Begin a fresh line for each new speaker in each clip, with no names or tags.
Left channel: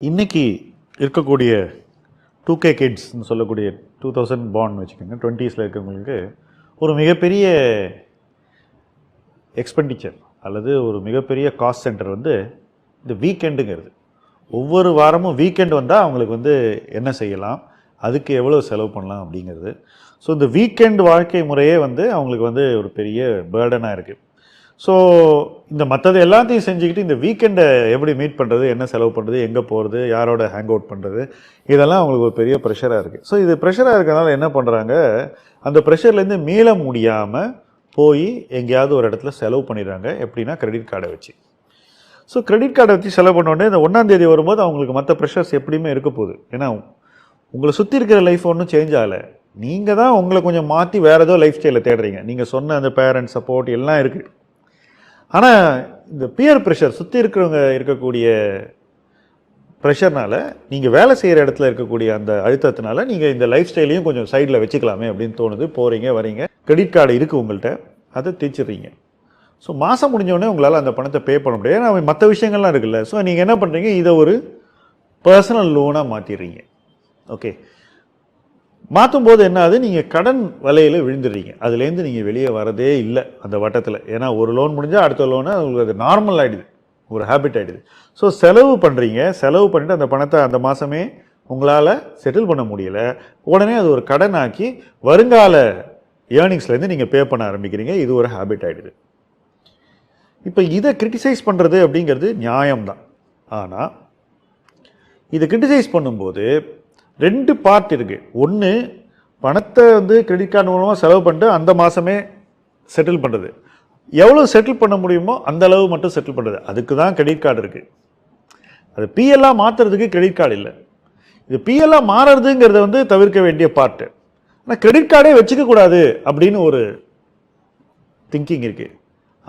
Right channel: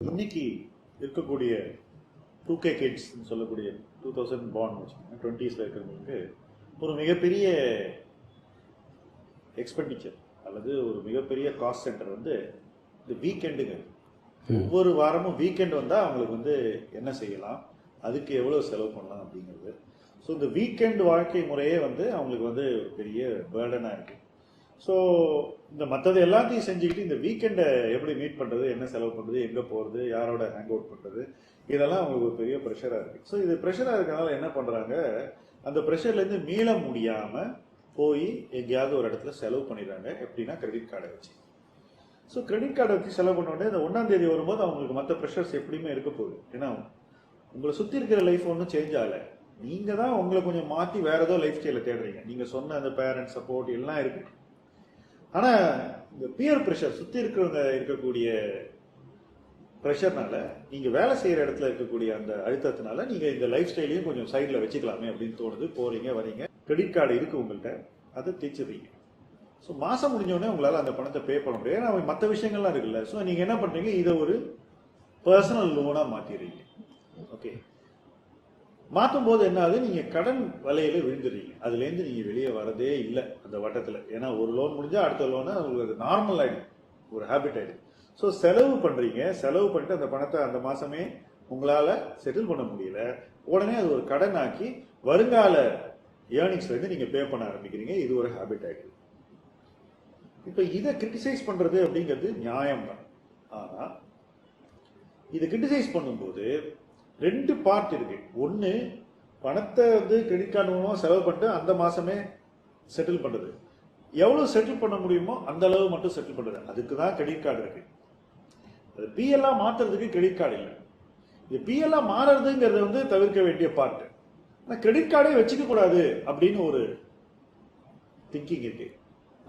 இன்னைக்கு இருக்கக்கூடிய two K கிட்ஸ்னு சொல்லக்கூடிய டூ தௌசண்ட் பாண்ட் வச்சுக்கோங்க. டுவெண்ட்டீஸில் இருக்கவங்களுக்கு ஒரு மிகப்பெரிய எக்ஸ்பெண்டிச்சர் அல்லது ஒரு மிகப்பெரிய காஸ்ட் சென்டர் வந்து இந்த வீக்கெண்டுங்கிறது ஒவ்வொரு வாரமும் வீக்கெண்ட் வந்தால் அவங்களுக்கு வந்து என்ன செய்யலாம்? அதுக்கு எவ்வளோ செலவு பண்ணலாம் அப்படிங்கிறது. ஸோ இந்த வீக்கெண்ட் வாழ்க்கை முறையே வந்து அவங்களுக்கு வந்து ஒரு பெரிய பேர்டனாக இருக்குது ஸோ இந்த மற்றது எல்லாத்தையும் செஞ்சுக்கிட்டு இந்த வீக்கெண்டை எப்படி மீட் பண்ணுறது என்ன செலவு பண்ணுறது எங்கே போகிறது யாரோட ஹேங் அவுட் பண்ணுறது இதெல்லாம் அவங்களுக்கு ஒரு பெரிய ப்ரெஷராக இருக்குது ஸோ இது ப்ரெஷராக இருக்கறனால என்ன பண்ணுறாங்க அந்த ப்ரெஷர்லேருந்து மீள முடியாமல் போய் எங்கேயாவது ஒரு இடத்துல செலவு பண்ணிடுறாங்க. எப்படின்னா கிரெடிட் கார்டை வச்சு. ஸோ கிரெடிட் கார்டை வச்சு செலவு பண்ண உடனே இந்த ஒன்றாந்தேதி வரும்போது அவங்களுக்கு மற்ற ப்ரெஷர்ஸ் எப்படியுமே இருக்க போகுது. ஏன்னா உங்களை சுற்றி இருக்கிற லைஃப் ஒன்றும் சேஞ்ச் ஆகலை. நீங்கள் தான் உங்களை கொஞ்சம் மாற்றி வேறு ஏதோ லைஃப் ஸ்டைலில் தேடுறீங்க. நீங்கள் சொன்ன அந்த பேரண்ட்ஸ் சப்போர்ட் எல்லாம் இருக்குது ஆனால் இந்த பியர் ப்ரெஷர் சுற்றி இருக்கிறவங்க இருக்கக்கூடிய ப்ரெஷர்னால நீங்கள் வேலை செய்கிற இடத்துல இருக்கக்கூடிய அந்த அழுத்தத்தினால நீங்கள் இந்த லைஃப் ஸ்டைலையும் கொஞ்சம் சைடில் வச்சுக்கலாமே அப்படின்னு தோணுது. போகிறீங்க வரீங்க. கிரெடிட் கார்டு இருக்குது உங்கள்கிட்ட அதை தீச்சிடுறீங்க. ஸோ மாதம் முடிஞ்சோடனே உங்களால் அந்த பணத்தை பே பண்ண முடியாது. ஏன்னா மற்ற விஷயங்கள்லாம் இருக்குல்ல. ஸோ நீங்கள் என்ன பண்ணுறீங்க இதை ஒரு பர்சனல் லோனாக மாற்றிடுறீங்க ஓகே மாற்றும் போது என்ன ஆகுது? நீங்கள் கடன் வலையில் விழுந்துடுறீங்க. அதுலேருந்து நீங்கள் வெளியே வரதே இல்லை அந்த வட்டத்தில். ஏன்னா ஒரு லோன் முடிஞ்சால் அடுத்த லோனு உங்களுக்கு அது நார்மல் ஆகிடுது ஒரு ஹேபிட் ஆகிடுது ஸோ செலவு பண்ணுறீங்க செலவு பண்ணிவிட்டு அந்த பணத்தை அந்த மாதமே உங்களால் செட்டில் பண்ண முடியல. உடனே அது ஒரு கடன் ஆக்கி வருங்கால ஏர்னிங்ஸ்லேருந்து நீங்கள் பே பண்ண ஆரம்பிக்கிறீங்க. இது ஒரு ஹேபிட் ஆகிடுது இப்போ இதை கிரிட்டிசைஸ் பண்ணுறது அப்படிங்கிறது நியாயம்தான். ஆனால் இதை கிரிட்டிசைஸ் பண்ணும்போது ரெண்டு பார்ட் இருக்குது ஒன்று பணத்தை வந்து கிரெடிட் கார்டு மூலமாக செலவு பண்ணிட்டு அந்த மாதமே செட்டில் பண்ணுறது எவ்வளோ செட்டில் பண்ண முடியுமோ அந்த அளவு மட்டும் செட்டில் பண்ணுறது அதுக்கு தான் கிரெடிட் கார்டு இருக்குது அது பிஎல்லாக மாற்றுறதுக்கு கிரெடிட் கார்டு இல்லை. இது பிஎல்லாக மாறுறதுங்கிறத வந்து தவிர்க்க வேண்டிய பார்ட்டு ஆனால் கிரெடிட் கார்டே வச்சுக்கக்கூடாது அப்படின்னு ஒரு திங்கிங் இருக்குது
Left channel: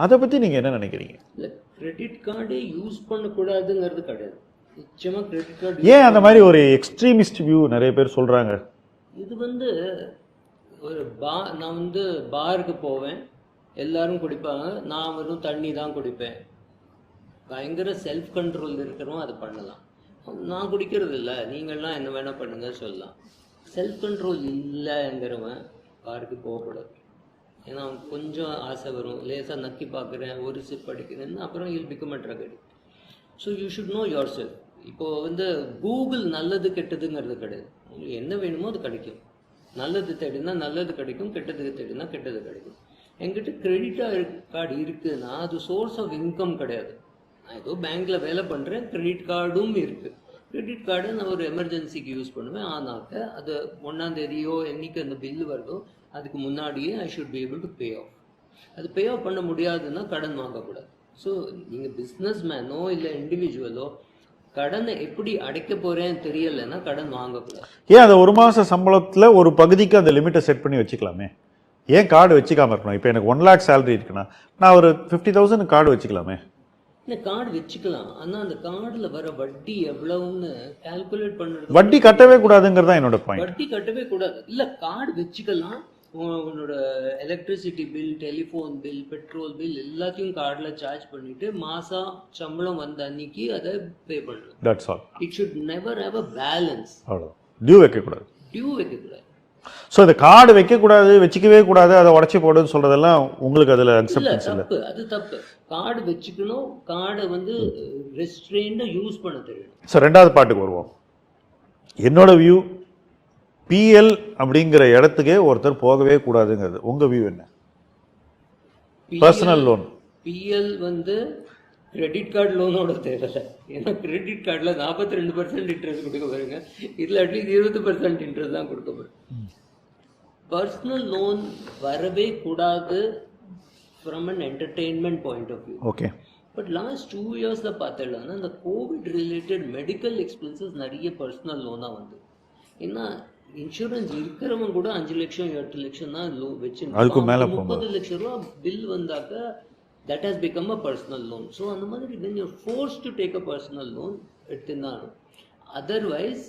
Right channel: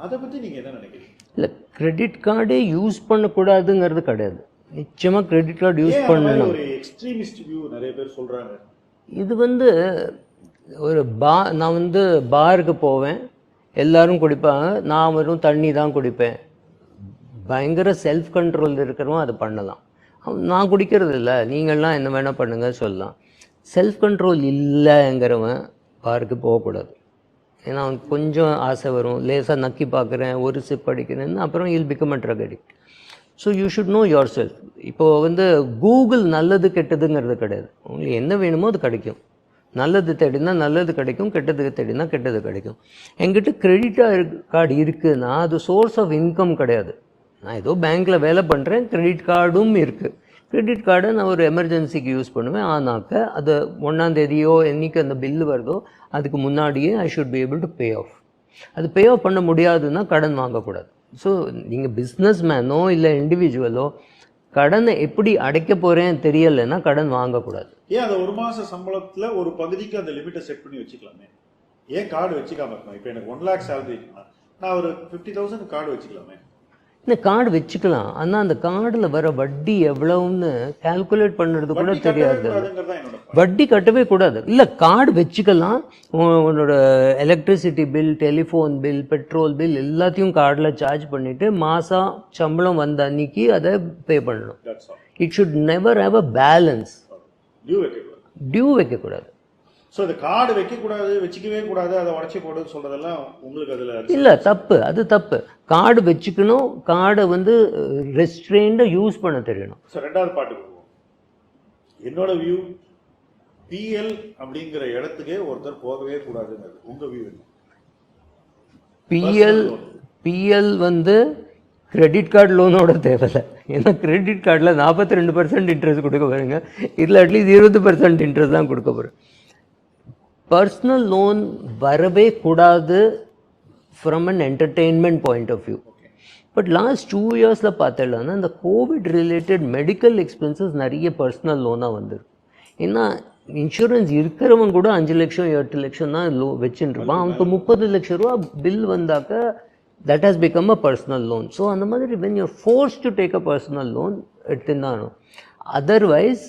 அதை பற்றி நீங்கள் என்ன நினைக்கிறீங்க?
இல்லை கிரெடிட் கார்டே யூஸ் பண்ணக்கூடாதுங்கிறது கிடையாது. நிச்சயமாக கிரெடிட் கார்டு
ஏன் அந்த மாதிரி ஒரு எக்ஸ்ட்ரீமிஸ்ட் வியூ நிறைய பேர் சொல்கிறாங்க
இது வந்து ஒரு பா நான் வந்து பாருக்கு போவேன் எல்லாரும் குடிப்பாங்க நான் வெறும் தண்ணி தான் குடிப்பேன். பயங்கர செல்ஃப் கண்ட்ரோல் இருக்கிறவன் அதை பண்ணலாம். அவன் நான் குடிக்கிறது இல்லை நீங்கள்லாம் என்ன வேணால் பண்ணுங்க சொல்லலாம். செல்ஃப் கண்ட்ரோல் இல்லைங்கிறவன் பாருக்கு போகக்கூடாது. ஏன்னா அவனுக்கு கொஞ்சம் ஆசை வரும். லேசாக நக்கி பார்க்குறேன் ஒரு சிப் அடிக்கிறேன்னு அப்புறம் will become a drug addict so you should know yourself இப்போது வந்து கூகுள் நல்லது கெட்டதுங்கிறது கிடையாது. உங்களுக்கு என்ன வேணுமோ அது கிடைக்கும். நல்லது தேடினா நல்லது கிடைக்கும் கெட்டதுக்கு தேடினா கெட்டது கிடைக்கும். என்கிட்ட கிரெடிட் கார்டு இருக்குதுன்னா அது சோர்ஸ் ஆஃப் இன்கம் கிடையாது. நான் ஏதோ பேங்க்கில் வேலை பண்ணுறேன் கிரெடிட் கார்டும் இருக்குது கிரெடிட் கார்டை நான் ஒரு எமர்ஜென்சிக்கு யூஸ் பண்ணுவேன். ஆனாக்க அது ஒன்றாந்தேதியோ என்னைக்கு அந்த பில்லு வருதோ அதுக்கு முன்னாடியே I should be able to pay off அது பே ஆஃப் பண்ண முடியாதுன்னா கடன் வாங்கக்கூடாது. ஸோ நீங்கள் பிஸ்னஸ் மேனோ இல்லை இண்டிவிஜுவலோ கடனை எப்படி அடைக்க போகிறேன்னு தெரியலைன்னா கடன் வாங்கக்கூடாது.
ஏன் அந்த ஒரு மாத சம்பளத்தில் ஒரு பகுதிக்கு அந்த லிமிட்டை செட் பண்ணி வச்சுக்கலாமே? ஏன் கார்டு வச்சுக்காமல் இருக்கணும்? இப்போ எனக்கு ஒன் லேக் சேலரி இருக்குன்னா நான் ஒரு ஃபிஃப்டி தௌசண்ட் கார்டு வச்சுக்கலாமே?
இந்த கார்டு வச்சுக்கலாம். ஆனால் அந்த கார்டில் வர வட்டி எவ்வளவுன்னு கால்குலேட் பண்ணுறது
வட்டி கட்டவே. கூடாதுங்கிறது தான் என்னோட
வட்டி கட்டவே கூடாது. இல்லை கார்டு வச்சுக்கலாம். உன் உன்னோட electricity bill telephone bill petrol bill எல்லாத்தையும் கார்டில் சார்ஜ் பண்ணிவிட்டு மாதம் சம்பளம் வந்த அன்னைக்கு அதை பே பண்ணணும்.
That's all
it should never have a balance
அவ்வளோ டியூ வைக்கக்கூடாது.
டியூ வைக்கக்கூடாது.
ஸோ இந்த கார்டு வைக்கக்கூடாது வச்சுக்கவே கூடாது அதை உடச்சி போடுன்னு சொல்கிறதெல்லாம் உங்களுக்கு அதில்
இல்லை தப்பு அது தப்பு. கார்டு வச்சுக்கணும் கார்டை வந்து ரெஸ்ட்ரெயின்டாக யூஸ் பண்ண தெரியணும்.
ஸோ ரெண்டாவது பாட்டுக்கு வருவோம். என்னோட வியூ பிஎல் அப்படிங்கிற இடத்துக்கே ஒருத்தர் போகவே கூடாதுங்கிறது. உங்கள் வியூ என்ன?
பிஎல்
லோன்
பிஎல் வந்து கிரெடிட் கார்டு லோனோட தேவையில்லை. ஏன்னா கிரெடிட் கார்டில் நாற்பத்தி ரெண்டு பர்சன்ட் இன்ட்ரெஸ்ட் கொடுக்க பாருங்க இதில் அட்லீஸ்ட் இருபது பர்சன்ட் இன்ட்ரெஸ்ட் தான் கொடுக்க போகிறேன் பர்சனல் லோன் வரவே கூடாது from an entertainment point of view
okay
but last two இயர்ஸில் பார்த்தேன்னா இந்த கோவிட் ரிலேட்டட் மெடிக்கல் எக்ஸ்பென்சஸ் நிறைய பர்சனல் லோனாக வந்திருக்கு. ஏன்னா இன்சூரன்ஸ் இருக்கிறவன் கூட அஞ்சு லட்சம் எட்டு லட்சம் தான் லோ வச்சுருப்பான். அவனுக்கு முப்பது லட்சம் ரூபா bill வந்தாக்க that has become a personal loan so அந்த மாதிரி when you're force to take a personal loan எடுத்துருந்தானோ otherwise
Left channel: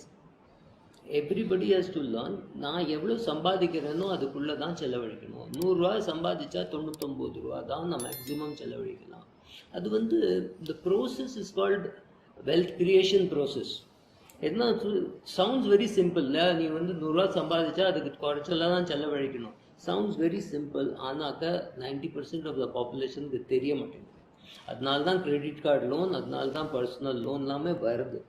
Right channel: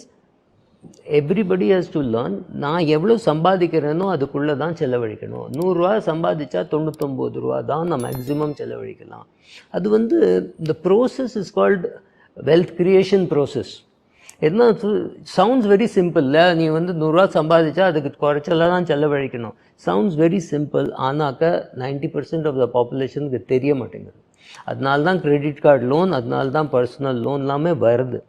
everybody has to learn நான் எவ்வளோ சம்பாதிக்கிறேனோ அதுக்குள்ளே தான் செலவழிக்கணும். நூறுரூவா சம்பாதிச்சா தொண்ணூத்தொம்பது ரூபா தான் நான் மேக்ஸிமம் செலவழிக்கலாம். அது வந்து இந்த process is called wealth creation process என்ன சவுண்ட்ஸ் வெரி சிம்பிள்ல நீ வந்து நூறுரூவா சம்பாதிச்சா அதுக்கு குறைச்சலாக தான் செலவழிக்கணும். சவுண்ட்ஸ் வெரி சிம்பிள் ஆனாக்க நைன்டி பர்சன்ட் ஆஃப் த பாப்புலேஷனுக்கு தெரிய மாட்டேங்குது. அதனால தான் கிரெடிட் கார்டு லோன் அதனால தான் பர்சனல் லோன் எல்லாமே வருது.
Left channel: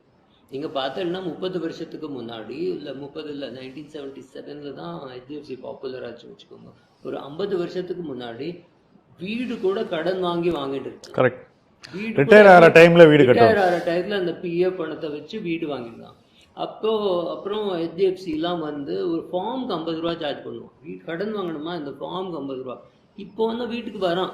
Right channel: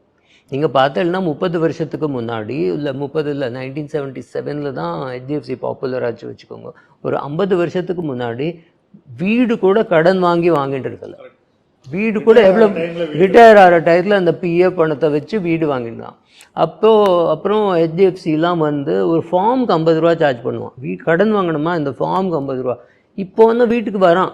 நீங்கள் பார்த்தீங்கன்னா முப்பது வருஷத்துக்கு முன்னாடி இல்லை முப்பது இல்லை நைன்டீன் செவன்ட்டி செவனில் தான் ஹெச்டிஎஃப்சி பாப்புலர் ஆச்சு வச்சுக்கோங்க. ஒரு ஐம்பது வருஷத்துக்கு முன்னாடி வீடு கூட கடன் வாங்கி வாங்கிட்டு இருக்கலாம்.
கரெக்ட்
வீடு கூட
டைமில்
ரிட்டையர் ஆகிற டயத்தில் அந்த பிஎஃப் பணத்தை வச்சு வீடு வாங்கிடலாம். அப்போ அப்புறம் ஹெச்டிஎஃப்சிலாம் வந்து ஒரு ஃபார்முக்கு ஐம்பது ரூபா சார்ஜ் பண்ணுவான். வீ கடன் வாங்கணுமா? இந்த ஃபார்முக்கு ஐம்பது ரூபா. இப்போ வந்து வீட்டுக்கு வரான்.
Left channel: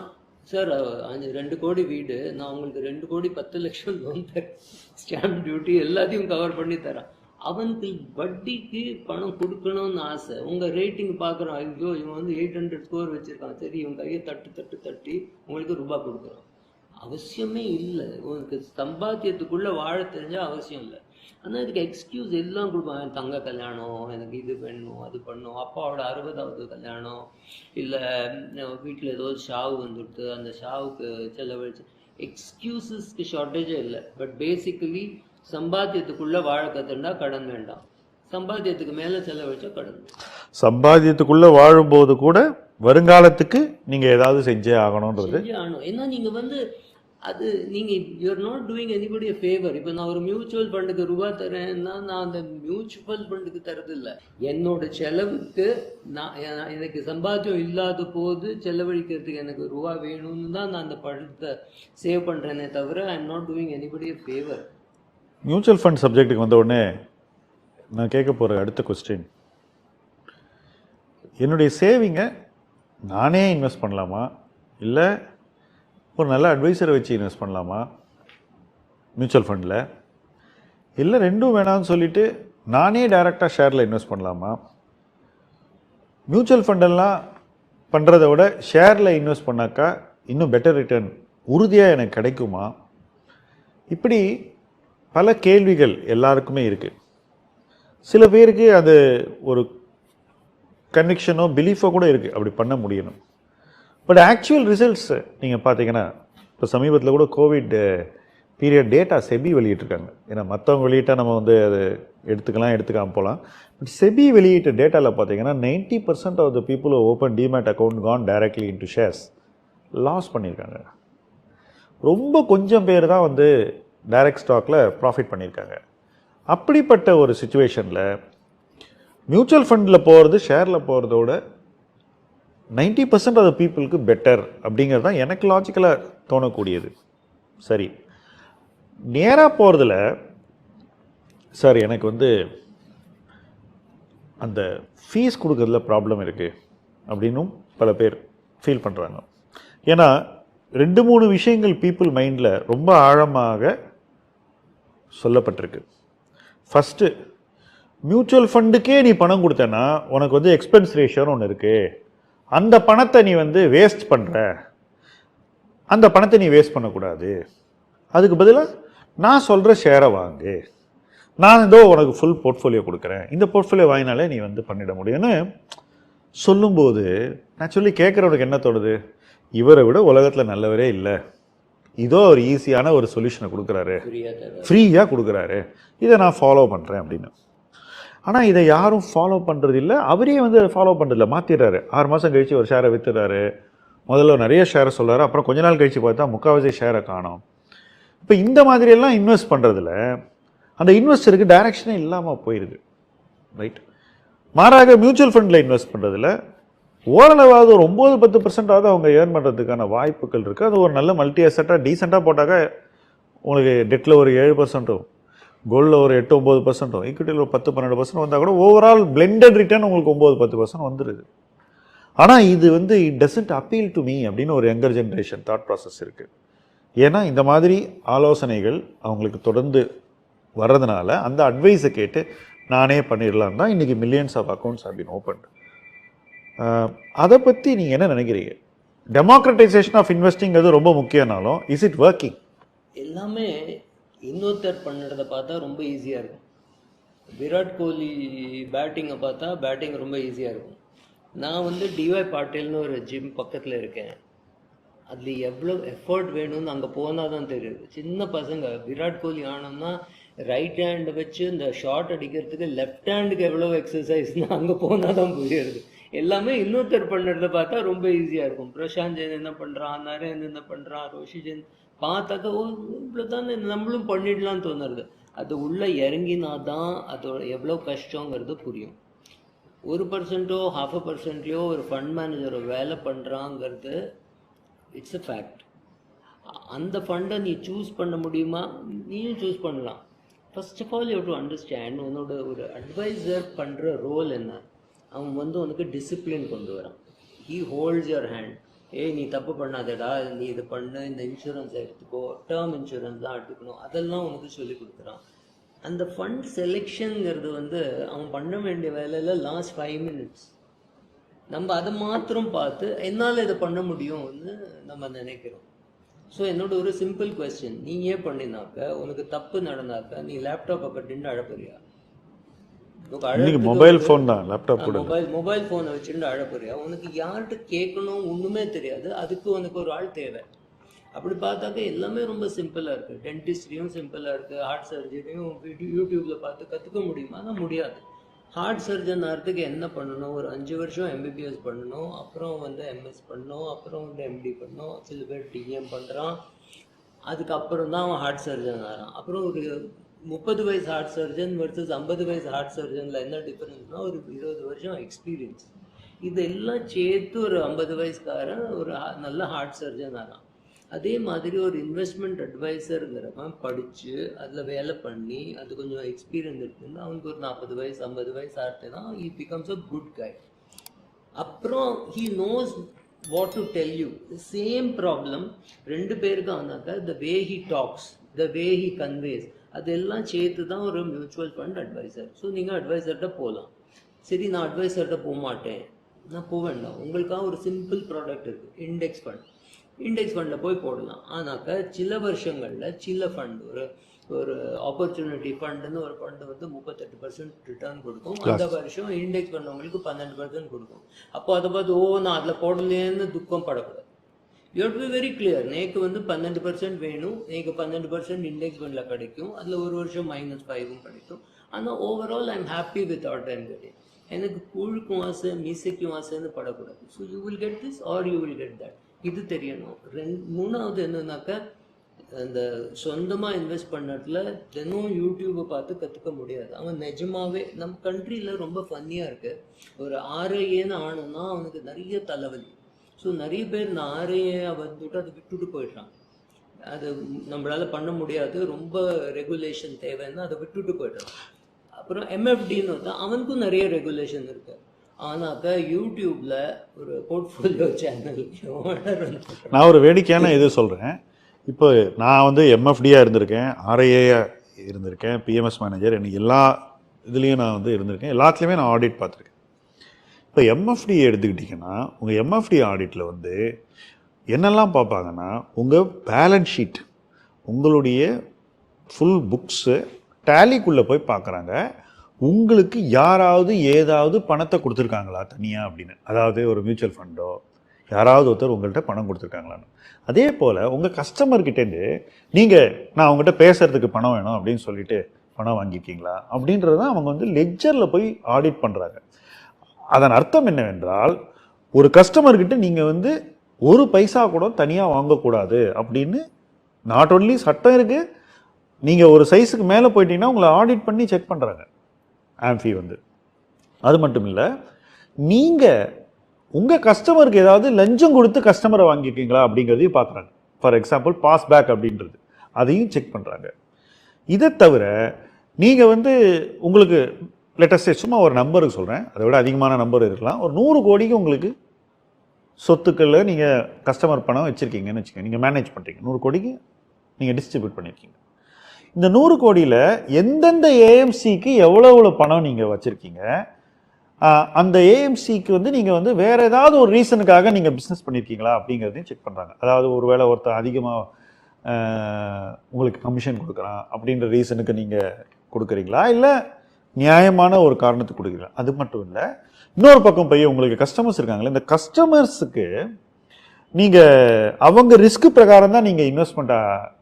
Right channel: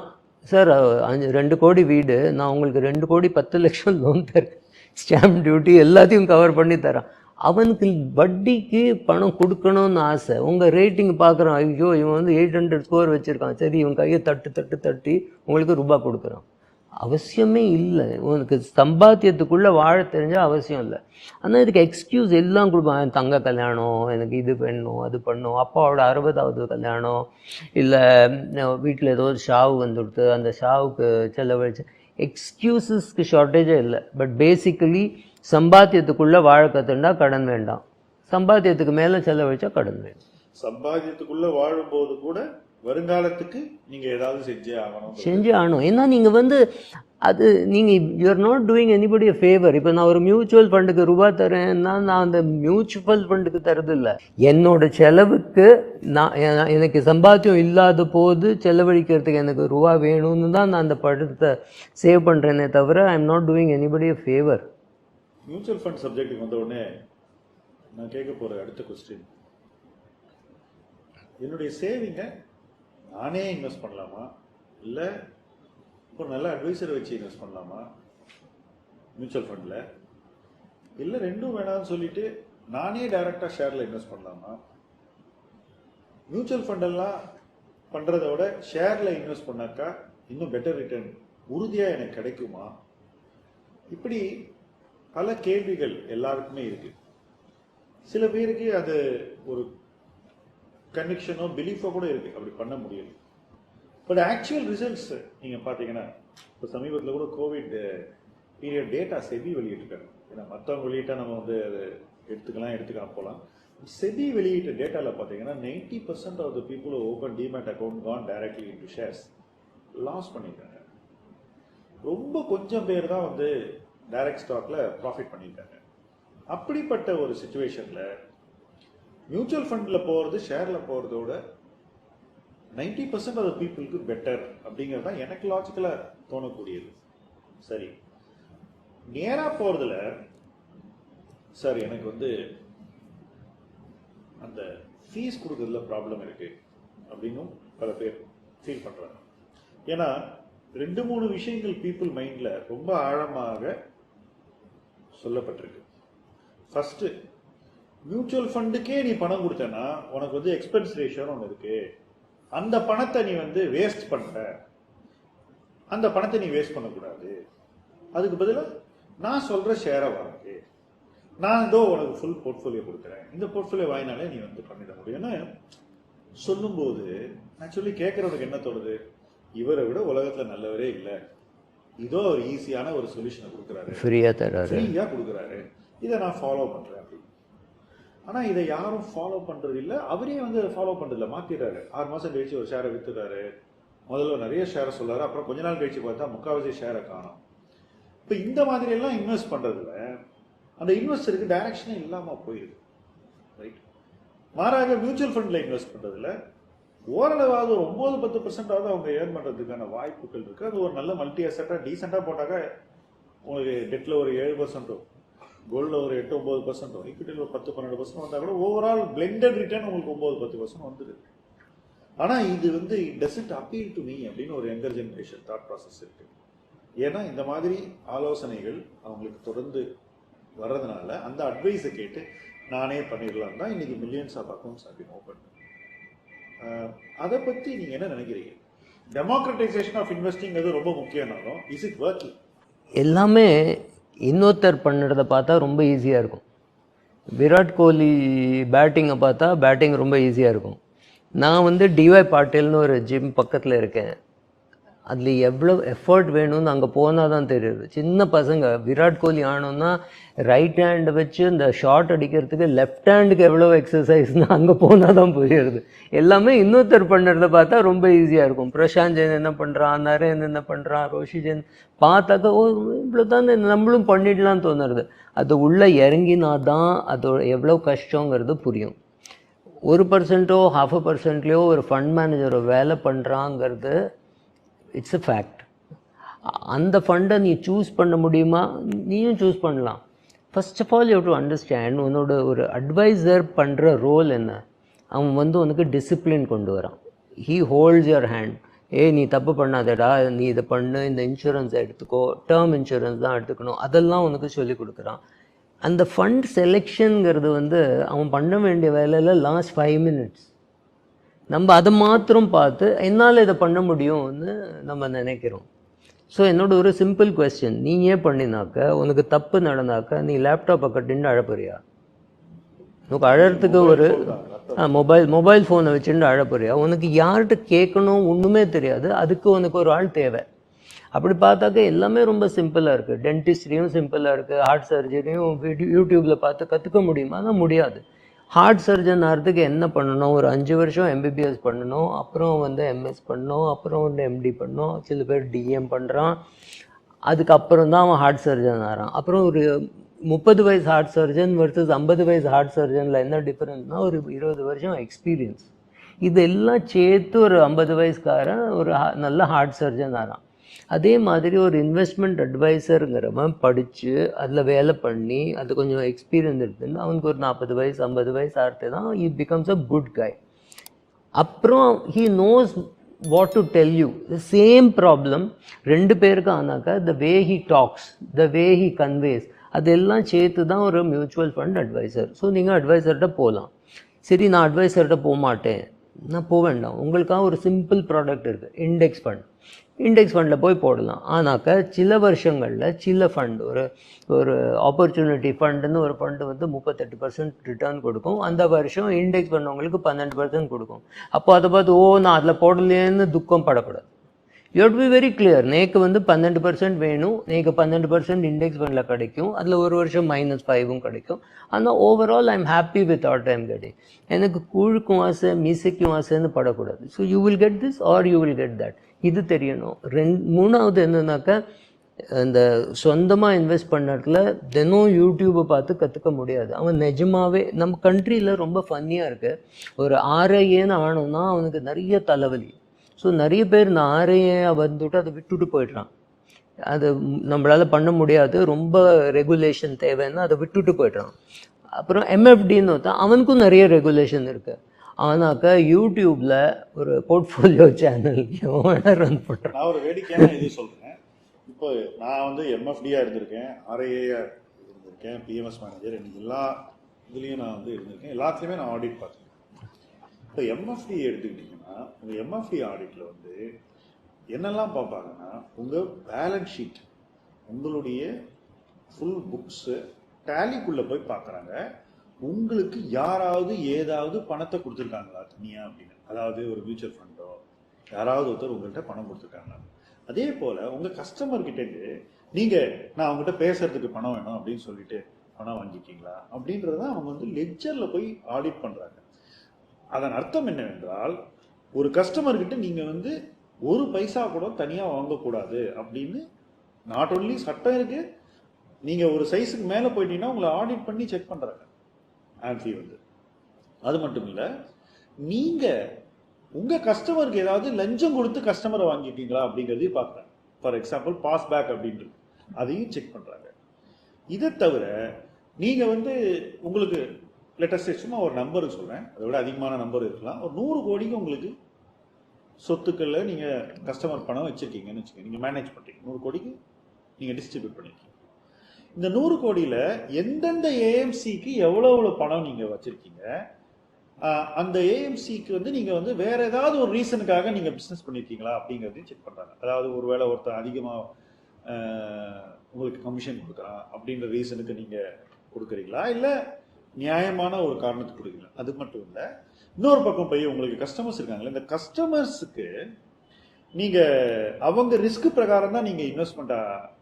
சார் அஞ்சு ரெண்டு கோடி வீடு. நான் உங்களுக்கு ரெண்டு கோடி பத்து லட்சம் லோன் தரேன். ஸ்டாம்ப் டியூட்டி எல்லாத்தையும் கவர் பண்ணி தரான். அவனுக்கு வட்டிக்கு பணம் கொடுக்கணும்னு ஆசை. உங்கள் ரேட்டிங் பார்க்குறான் ஐயோ இவன் வந்து எயிட் ஹண்ட்ரட் ஸ்கோர் வச்சுருக்கான். சரி இவன் கையை தட்டு தட்டு தட்டி உங்களுக்கு ரூபா கொடுக்குறான். அவசியமே இல்லை. உனக்கு சம்பாத்தியத்துக்குள்ளே வாழ தெரிஞ்சால் அவசியம் இல்லை. ஆனால் இதுக்கு எக்ஸ்கியூஸ் எல்லாம் கொடுப்பான். தங்க கல்யாணம் எனக்கு இது பண்ணும் அது பண்ணும். அப்பாவோட அறுபதாவது கல்யாணம் இல்லை வீட்டில் ஏதோ ஒரு ஷாவு வந்துடுத்து அந்த ஷாவுக்கு செலவழிச்சு எக்ஸ்கியூசஸ்க்கு ஷார்ட்டேஜே இல்லை. பட் பேசிக்கலி சம்பாத்தியத்துக்குள்ளே வாழ கற்றுண்டா கடன் வேண்டாம். சம்பாத்தியத்துக்கு மேலே செலவழிச்சா கடன் வேண்டாம்.
சம்பாத்தியத்துக்குள்ள வாழும்போது கூட வருங்காலத்துக்கு நீங்க ஏதாவது செஞ்சே ஆகணும்ன்றது.
செஞ்சு ஆகணும். ஏன்னா நீங்கள் வந்து அது நீங்கள் you're not doing anybody favour இப்போ நான் ஒரு மியூச்சுவல் ஃபண்டுக்கு ரூபா தரேன்னா நான் அந்த மியூச்சுவல் ஃபண்டுக்கு தரது இல்லை என்னோட செலவுக்கு நான் எனக்கு சம்பாத்தியம் இல்லாத போது செலவழிக்கிறதுக்கு எனக்கு ரூபா வேணும்னு தான் நான் அந்த படத்தை சேவ் பண்ணுறேனே தவிர I am not doing anybody a favour
mutual fund சப்ஜெக்ட்டுக்கு வந்த உடனே நான் கேட்க போகிற அடுத்த கொஸ்டின் என்னுடைய சேவிங்கை நானே இன்வெஸ்ட் பண்ணலாமா? இல்லை ஒரு நல்ல அட்வைசரை வச்சு இன்வெஸ்ட் பண்ணலாமா? மியூச்சுவல் ஃபண்டில் இல்லை ரெண்டும் வேணாம்னு சொல்லிவிட்டு நானே டைரெக்டாக ஷேரில் இன்வெஸ்ட் பண்ணலாமா? மியூச்சுவல் ஃபண்டெல்லாம் பண்ணுறத விட ஷேரில் இன்வெஸ்ட் பண்ணாக்கா இன்னும் பெட்டர் ரிட்டர்ன் உறுதியாக எனக்கு கிடைக்குமா? இப்படி பல கேள்விகள் எல்லாருக்குமே இருக்குது சில பேருக்கு அது ஒரு கன்விக்ஷனோ பிலீஃபோ கூட இருக்குது அப்படி பண்ண முடியணும். பட் ஆக்சுவல் ரிசல்ட்ஸ் நீங்கள் பார்த்தீங்கன்னா இப்போ சமீபத்தில் கூட கோவிட் பீரியட் டேட்டா செபி வெளியிட்டிருக்காங்க. ஏன்னா மற்றவங்க வெளியிட்டால் நம்ம வந்து அது எடுத்துக்கலாம் எடுத்துக்காமல் போகலாம். பட் செபி வெளியிட்ட டேட்டாவில் பார்த்தீங்கன்னா ninety percent of the people open demat account gone directly into shares loss பண்ணியிருக்காங்க. ரொம்ப கொஞ்சம் பேர் தான் வந்து டைரக்ட் ஸ்டாக்கில் ப்ராஃபிட் பண்ணியிருக்காங்க. அப்படிப்பட்ட ஒரு சுச்சுவேஷனில் மியூச்சுவல் ஃபண்டில் போகிறது ஷேரில் போகிறதோட நைன்ட்டி பர்சன்ட் ஆஃப் பீப்புளுக்கு பெட்டர் அப்படிங்கிறது தான் எனக்கு லாஜிக்கலாக தோணக்கூடியது. சரி. நேராக போகிறதுல சார் எனக்கு வந்து அந்த ஃபீஸ் கொடுக்கறதுல ப்ராப்ளம் இருக்குது அப்படின்னும் பல பேர் ஃபீல் பண்ணுறாங்க ஏன்னா ரெண்டு மூணு விஷயங்கள் பீப்புள் மைண்டில் ரொம்ப ஆழமாக சொல்லப்பட்டிருக்கு. ஃபஸ்ட்டு மியூச்சுவல் ஃபண்டுக்கே நீ பணம் கொடுத்தேன்னா உனக்கு வந்து எக்ஸ்பென்ஸ் ரேஷியோன்னு ஒன்று இருக்குது அந்த பணத்தை நீ வந்து வேஸ்ட் பண்ணுற அந்த பணத்தை நீ வேஸ்ட் பண்ணக்கூடாது. அதுக்கு பதிலாக நான் சொல்கிற ஷேரை வாங்கு. நான் ஏதோ உனக்கு ஃபுல் போர்ட்ஃபோலியோ கொடுக்குறேன். இந்த போர்ட்ஃபோலியோ வாங்கினாலே நீ வந்து பண்ணிட முடியும்னு சொல்லும்போது ஆக்சுவலி கேட்குறவனுக்கு என்ன தோணுது? இவரை விட உலகத்தில் நல்லவரே இல்லை. இதோ ஒரு ஈஸியான ஒரு சொல்யூஷனை கொடுக்குறாரு.
ஃப்ரீயாக
ஃப்ரீயாக கொடுக்குறாரு. இதை நான் ஃபாலோ பண்ணுறேன் அப்படின்னு. ஆனால் இதை யாரும் ஃபாலோ பண்ணுறது இல்லை அவரே வந்து அதை ஃபாலோ பண்ணுறதில்ல மாற்றிடுறாரு ஆறு மாதம் கழித்து ஒரு ஷேரை விற்றுறாரு முதல்ல நிறைய ஷேரை சொல்கிறாரு அப்புறம் கொஞ்ச நாள் கழித்து பார்த்தா முக்கால்வாசி ஷேரை காணும். இப்போ இந்த மாதிரியெல்லாம் இன்வெஸ்ட் பண்ணுறதுல அந்த இன்வெஸ்டருக்கு டைரக்ஷனே இல்லாமல் போயிடுது ரைட் மாறாக மியூச்சுவல் ஃபண்டில் இன்வெஸ்ட் பண்ணுறதுல ஓரளவாவது ஒரு ஒம்பது பத்து பர்சன்டாவது அவங்க ஏர்ன் பண்ணுறதுக்கான வாய்ப்புகள் இருக்குது அது ஒரு நல்ல மல்டி அசட்டாக டீசெண்டாக போட்டாக்க உங்களுக்கு டெட்டில் ஒரு ஏழு பர்சன்ட்டும் கோல்டில் ஒரு எட்டு ஒம்பது பர்சன்ட்டும் ஈக்விட்டியில் ஒரு பத்து பன்னெண்டு பர்சன்ட் வந்தால் கூட ஓவரால் பிளெண்டட் ரிட்டர்ன் உங்களுக்கு ஒம்பது பத்து பர்சன்ட் வந்துடுது ஆனால் இது வந்து it doesn't appeal to me அப்படின்னு ஒரு யங்கர் ஜென்ரேஷன் தாட் ப்ராசஸ் இருக்குது ஏன்னா இந்த மாதிரி ஆலோசனைகள் அவங்களுக்கு தொடர்ந்து வர்றதுனால அந்த அட்வைஸை கேட்டு நானே பண்ணிடலாம் தான் இன்றைக்கி மில்லியன்ஸ் ஆஃப் அக்கௌண்ட்ஸ் அப்படின்னு ஓப்பன் அதை பற்றி நீங்கள் என்ன நினைக்கிறீங்க? டெமோக்ரட்டைசேஷன் ஆஃப் இன்வெஸ்டிங்கிறது ரொம்ப முக்கியம்னாலும் இஸ் இட் ஒர்க்கிங்
எல்லாமே இன்னொருத்தர் பண்ணுறத பார்த்தா ரொம்ப ஈஸியாக இருக்கும். விராட் கோலி பேட்டிங்கை பார்த்தா பேட்டிங் ரொம்ப ஈஸியாக இருக்கும். நான் வந்து டிஒய் பாட்டீல்னு ஒரு ஜிம் பக்கத்தில் இருக்கேன். அதில் எவ்வளோ எஃபர்ட் வேணும்னு அங்கே போனால் தான் தெரியுது. சின்ன பசங்க விராட் கோலி ஆனோன்னா ரைட் ஹேண்டு வச்சு இந்த ஷார்ட் அடிக்கிறதுக்கு லெஃப்ட் ஹேண்டுக்கு எவ்வளோ எக்ஸசைஸ்னு அங்கே போனால் தான் புரியுது. எல்லாமே இன்னொருத்தர் பண்ணுறத பார்த்தா ரொம்ப ஈஸியாக இருக்கும். பிரசாந்த் ஜெயின் என்ன பண்ணுறான் நரேன் என்ன பண்ணுறான் ரோஷி ஜெயின் பார்த்தாக்கா ஓ இவ்வளோ தான் நம்மளும் பண்ணிடலாம்னு தோணுறது அது உள்ளே இறங்கினா தான் அதோட எவ்வளோ கஷ்டங்கிறது புரியும். ஒரு பர்சன்ட்டோ ஹாஃப் அ பர்சன்ட்லேயோ ஒரு ஃபண்ட் மேனேஜரோ வேலை பண்ணுறாங்கிறது இட்ஸ் அ ஃபேக்ட் அந்த ஃபண்டை நீ சூஸ் பண்ண முடியுமா? நீயும் சூஸ் பண்ணலாம். First of all you to understand உன்னோட ஒரு அட்வைசர் பண்ணுற ரோல் என்ன? அவன் வந்து உனக்கு டிசிப்ளின் கொண்டு வரான். ஹீ ஹோல்ட்ஸ் யுவர் ஹேண்ட் ஏய் நீ தப்பு பண்ணாதடா. நீ இதை பண்ணு. இந்த இன்சூரன்ஸை எடுத்துக்கோ. டேர்ம் இன்சூரன்ஸ் தான் எடுத்துக்கணும். அதெல்லாம் உனக்கு சொல்லி கொடுக்குறான். அந்த ஃபண்ட் செலெக்ஷனுங்கிறது வந்து அவன் பண்ண வேண்டிய வேலையில் லாஸ்ட் ஃபைவ் மினிட்ஸ் நம்ம அதை மாத்திரம் பார்த்து என்னால் இதை பண்ண முடியும்னு நம்ம நினைக்கிறோம். ஸோ என்னோட ஒரு சிம்பிள் கொஸ்டின் நீ ஏன் பண்ணினாக்க உனக்கு தப்பு நடந்தாக்க நீ லேப்டாப்பை கட்டின்னு அழப்பறியா? உனக்கு
லேப்டாப்
மொபைல் மொபைல் ஃபோனை வச்சுட்டு அழப்பறியா? உனக்கு யார்கிட்ட கேட்கணும் ஒன்றுமே தெரியாது அதுக்கு உனக்கு ஒரு ஆள் தேவை. அப்படி பார்த்தாக்க எல்லாமே ரொம்ப சிம்பிளாக இருக்குது டென்டிஸ்ட்ரியும் சிம்பிளாக இருக்குது ஹார்ட் சர்ஜரியும் யூடியூப்பில் பார்த்து கற்றுக்க முடியுமா? ஆனால் முடியாது. ஹார்ட் சர்ஜன் ஆகிறதுக்கு என்ன பண்ணணும்? ஒரு அஞ்சு வருஷம் எம்பிபிஎஸ் பண்ணணும். அப்புறம் வந்து எம்எஸ் பண்ணணும். அப்புறம் வந்து எம்டி பண்ணணும். சில பேர் டிஎம் பண்ணுறான் அதுக்கப்புறம் தான் அவன் ஹார்ட் சர்ஜன் ஆகிறான் அப்புறம் ஒரு முப்பது வயசு ஹார்ட் சர்ஜன் வர்சஸ் ஐம்பது வயசு ஹார்ட் சர்ஜனில் என்ன டிஃப்ரென்ஸ்னால் ஒரு இருபது வருஷம் எக்ஸ்பீரியன்ஸ் இதெல்லாம் சேர்த்து ஒரு ஐம்பது வயசுக்காரன் ஒரு நல்ல ஹார்ட் சர்ஜன் ஆகிறான் அதே மாதிரி ஒரு இன்வெஸ்ட்மெண்ட் அட்வைசருங்கிறவன் படித்து அதில் வேலை பண்ணி அது கொஞ்சம் எக்ஸ்பீரியன்ஸ் இருக்குதுன்னு அவனுக்கு ஒரு நாற்பது வயசு ஐம்பது வயசு ஆகிட்டு தான் இ பிகம்ஸ் அ குட் கை அப்புறம் he knows what to tell you the same problem ரெண்டு பேருக்கு ஆனாக்கா the way he talks the way he conveys அதெல்லாம் சேர்த்து தான் ஒரு மியூச்சுவல் ஃபண்ட் அட்வைசர் ஸோ நீங்கள் அட்வைசர்கிட்ட போகலாம் சரி நான் அட்வைசர்கிட்ட போக மாட்டேன் நான் போக வேண்டாம். உங்களுக்காக ஒரு சிம்பிள் ப்ராடக்ட் இருக்குது இண்டெக்ஸ் ஃபண்ட் இண்டெக்ஸ் ஃபண்டில் போய் போடலாம். ஆனாக்கா சில வருஷங்களில் சில ஃபண்ட் ஒரு ஒரு ஆப்பர்ச்சுனிட்டி ஃபண்டுன்னு ஒரு ஃபண்டு வந்து முப்பத்தெட்டு பர்சன்ட் ரிட்டர்ன் கொடுக்கும். அந்த வருஷம் இண்டெக்ஸ் பண்ணவங்களுக்கு பன்னெண்டு பர்சன்ட் கொடுக்கும். அப்போ அதை பார்த்து ஓ நான் அதில் போடலையேன்னு துக்கம் படக்கூடாது. You have to be very clear நேக்கு வந்து பன்னெண்டு பர்சன்ட் வேணும். நேக்கு பன்னெண்டு பர்சன்ட் இண்டெக்ஸ் ஃபண்டில் கிடைக்கும். அதில் ஒரு வருஷம் மைனஸ் ஃபைவும் கிடைக்கும். ஆனால் overall I am happy with at time getting எனக்கு கூழுக்கும் ஆசை மீசைக்கும் ஆசைன்னு படக்கூடாது. So you will get this or you will get that இது தெரியணும். ரெண்டு மூணாவது என்னன்னாக்கா இந்த சொந்தமாக இன்வெஸ்ட் பண்ணுறதுல தினம் யூடியூப்பை பார்த்து கற்றுக்க முடியாது. அவன் நிஜமாவே நம்ம கண்ட்ரியில் ரொம்ப ஃபன்னியாக இருக்கு. ஒரு ஆர்ஐஏன்னு ஆனோம்னா அவனுக்கு நிறைய தலைவலி. ஸோ நிறைய பேர் இந்த ஆர்ஐஏ வந்துட்டு அதை விட்டுட்டு போயிடுறான். அது நம்மளால் பண்ண முடியாது. ரொம்ப ரெகுலேஷன் தேவைன்னா அதை விட்டுட்டு போயிடுறான். அப்புறம் எம்எஃப்டின்னு ஒருத்தன் அவனுக்கும் நிறைய ரெகுலேஷன் இருக்குது அவனாக்கா யூடியூப்பில் ஒரு போர்ட்ஃபோலியோ சேனல் ரன்
நான் ஒரு வேடிக்கையான இது சொல்கிறேன் இப்போ நான் வந்து எம்எஃப்டியாக இருந்திருக்கேன் ஆர்ஐஏயாக இருந்திருக்கேன் பிஎம்எஸ் மேனேஜர் எனக்கு எல்லா இதுலேயும் நான் வந்து இருந்திருக்கேன். எல்லாத்துலேயுமே நான் ஆடிட் பார்த்துருக்கேன். இப்போ எம்எஃப்டி எடுத்துக்கிட்டிங்கன்னா உங்கள் எம்எஃப்டி ஆடிட்டில் வந்து என்னெல்லாம் பார்ப்பாங்கன்னா உங்கள் பேலன்ஸ் ஷீட் உங்களுடைய ஃபுல் புக்ஸு டேலிக்குள்ளே போய் பார்க்குறாங்க. உங்களுக்கு யாராவது ஏதாவது பணத்தை கொடுத்துருக்காங்களா தனியாக அப்படின்னு? அதாவது ஒரு மியூச்சுவல் ஃபண்டோ யாராவது ஒருத்தர் உங்கள்கிட்ட பணம் கொடுத்துருக்காங்களான்னு. அதே போல் உங்கள் கஸ்டமர்கிட்டேருந்து நீங்கள் நான் அவங்ககிட்ட பேசுகிறதுக்கு பணம் வேணும் அப்படின்னு சொல்லிட்டு பணம் வாங்கியிருக்கீங்களா? அப்படின்றது தான் அவங்க வந்து லெஜரில் போய் ஆடிட் பண்ணுறாங்க அதன் அர்த்தம் என்னவென்றால் ஒரு கஸ்டமர்கிட்ட நீங்கள் வந்து ஒரு பைசா கூட தனியாக வாங்கக்கூடாது அப்படின்னு நாட் ஒன்லி சட்டம் இருக்குது நீங்கள் ஒரு சைஸுக்கு மேலே போயிட்டீங்கன்னா உங்களை ஆடிட் பண்ணி செக் பண்ணுறாங்க ஆம்ஃபி வந்து. அது மட்டும் இல்லை நீங்கள் உங்கள் கஸ்டமருக்கு ஏதாவது லஞ்சம் கொடுத்து கஸ்டமரை வாங்கியிருக்கீங்களா அப்படிங்கிறதையும் பார்க்குறாங்க. ஃபார் எக்ஸாம்பிள் பாஸ் பேக் அப்படின்றது. அதையும் செக் பண்ணுறாங்க இதை தவிர நீங்கள் வந்து உங்களுக்கு லேட்டஸ்டே சும்மா ஒரு நம்பருக்கு சொல்கிறேன் அதை விட அதிகமான நம்பர் இருக்கலாம். ஒரு நூறு கோடிக்கு உங்களுக்கு சொத்துக்களில் நீங்கள் கஸ்டமர் பணம் வச்சுருக்கீங்கன்னு வச்சுக்கோங்க. நீங்கள் மேனேஜ் பண்ணுறீங்க நூறு கோடிக்கு நீங்கள் டிஸ்ட்ரிபியூட் பண்ணியிருக்கீங்க. இந்த நூறு கோடியில் எந்தெந்த ஏஎம்சிக்கு எவ்வளோ எவ்வளோ பணம் நீங்கள் வச்சுருக்கீங்க? அந்த ஏஎம்சிக்கு வந்து நீங்கள் வந்து வேறு ஏதாவது ஒரு ரீசனுக்காக நீங்கள் பிஸ்னஸ் பண்ணியிருக்கீங்களா அப்படிங்கிறதையும் செக் பண்ணுறாங்க அதாவது ஒரு வேளை ஒருத்தர் அதிகமாக உங்களுக்கு கமிஷன் கொடுக்குறான் அப்படின்ற ரீசனுக்கு நீங்கள் கொடுக்குறீங்களா? இல்லை நியாயமான ஒரு காரணத்துக்கு கொடுக்குறீங்களா? அது மட்டும் இல்லை இன்னொரு பக்கம் போய் உங்களுக்கு கஸ்டமர்ஸ் இருக்காங்களே இந்த கஸ்டமர்ஸுக்கு நீங்கள் அவங்க ரிஸ்க் பிரகாரம் தான் நீங்கள் இன்வெஸ்ட்மெண்ட்டாக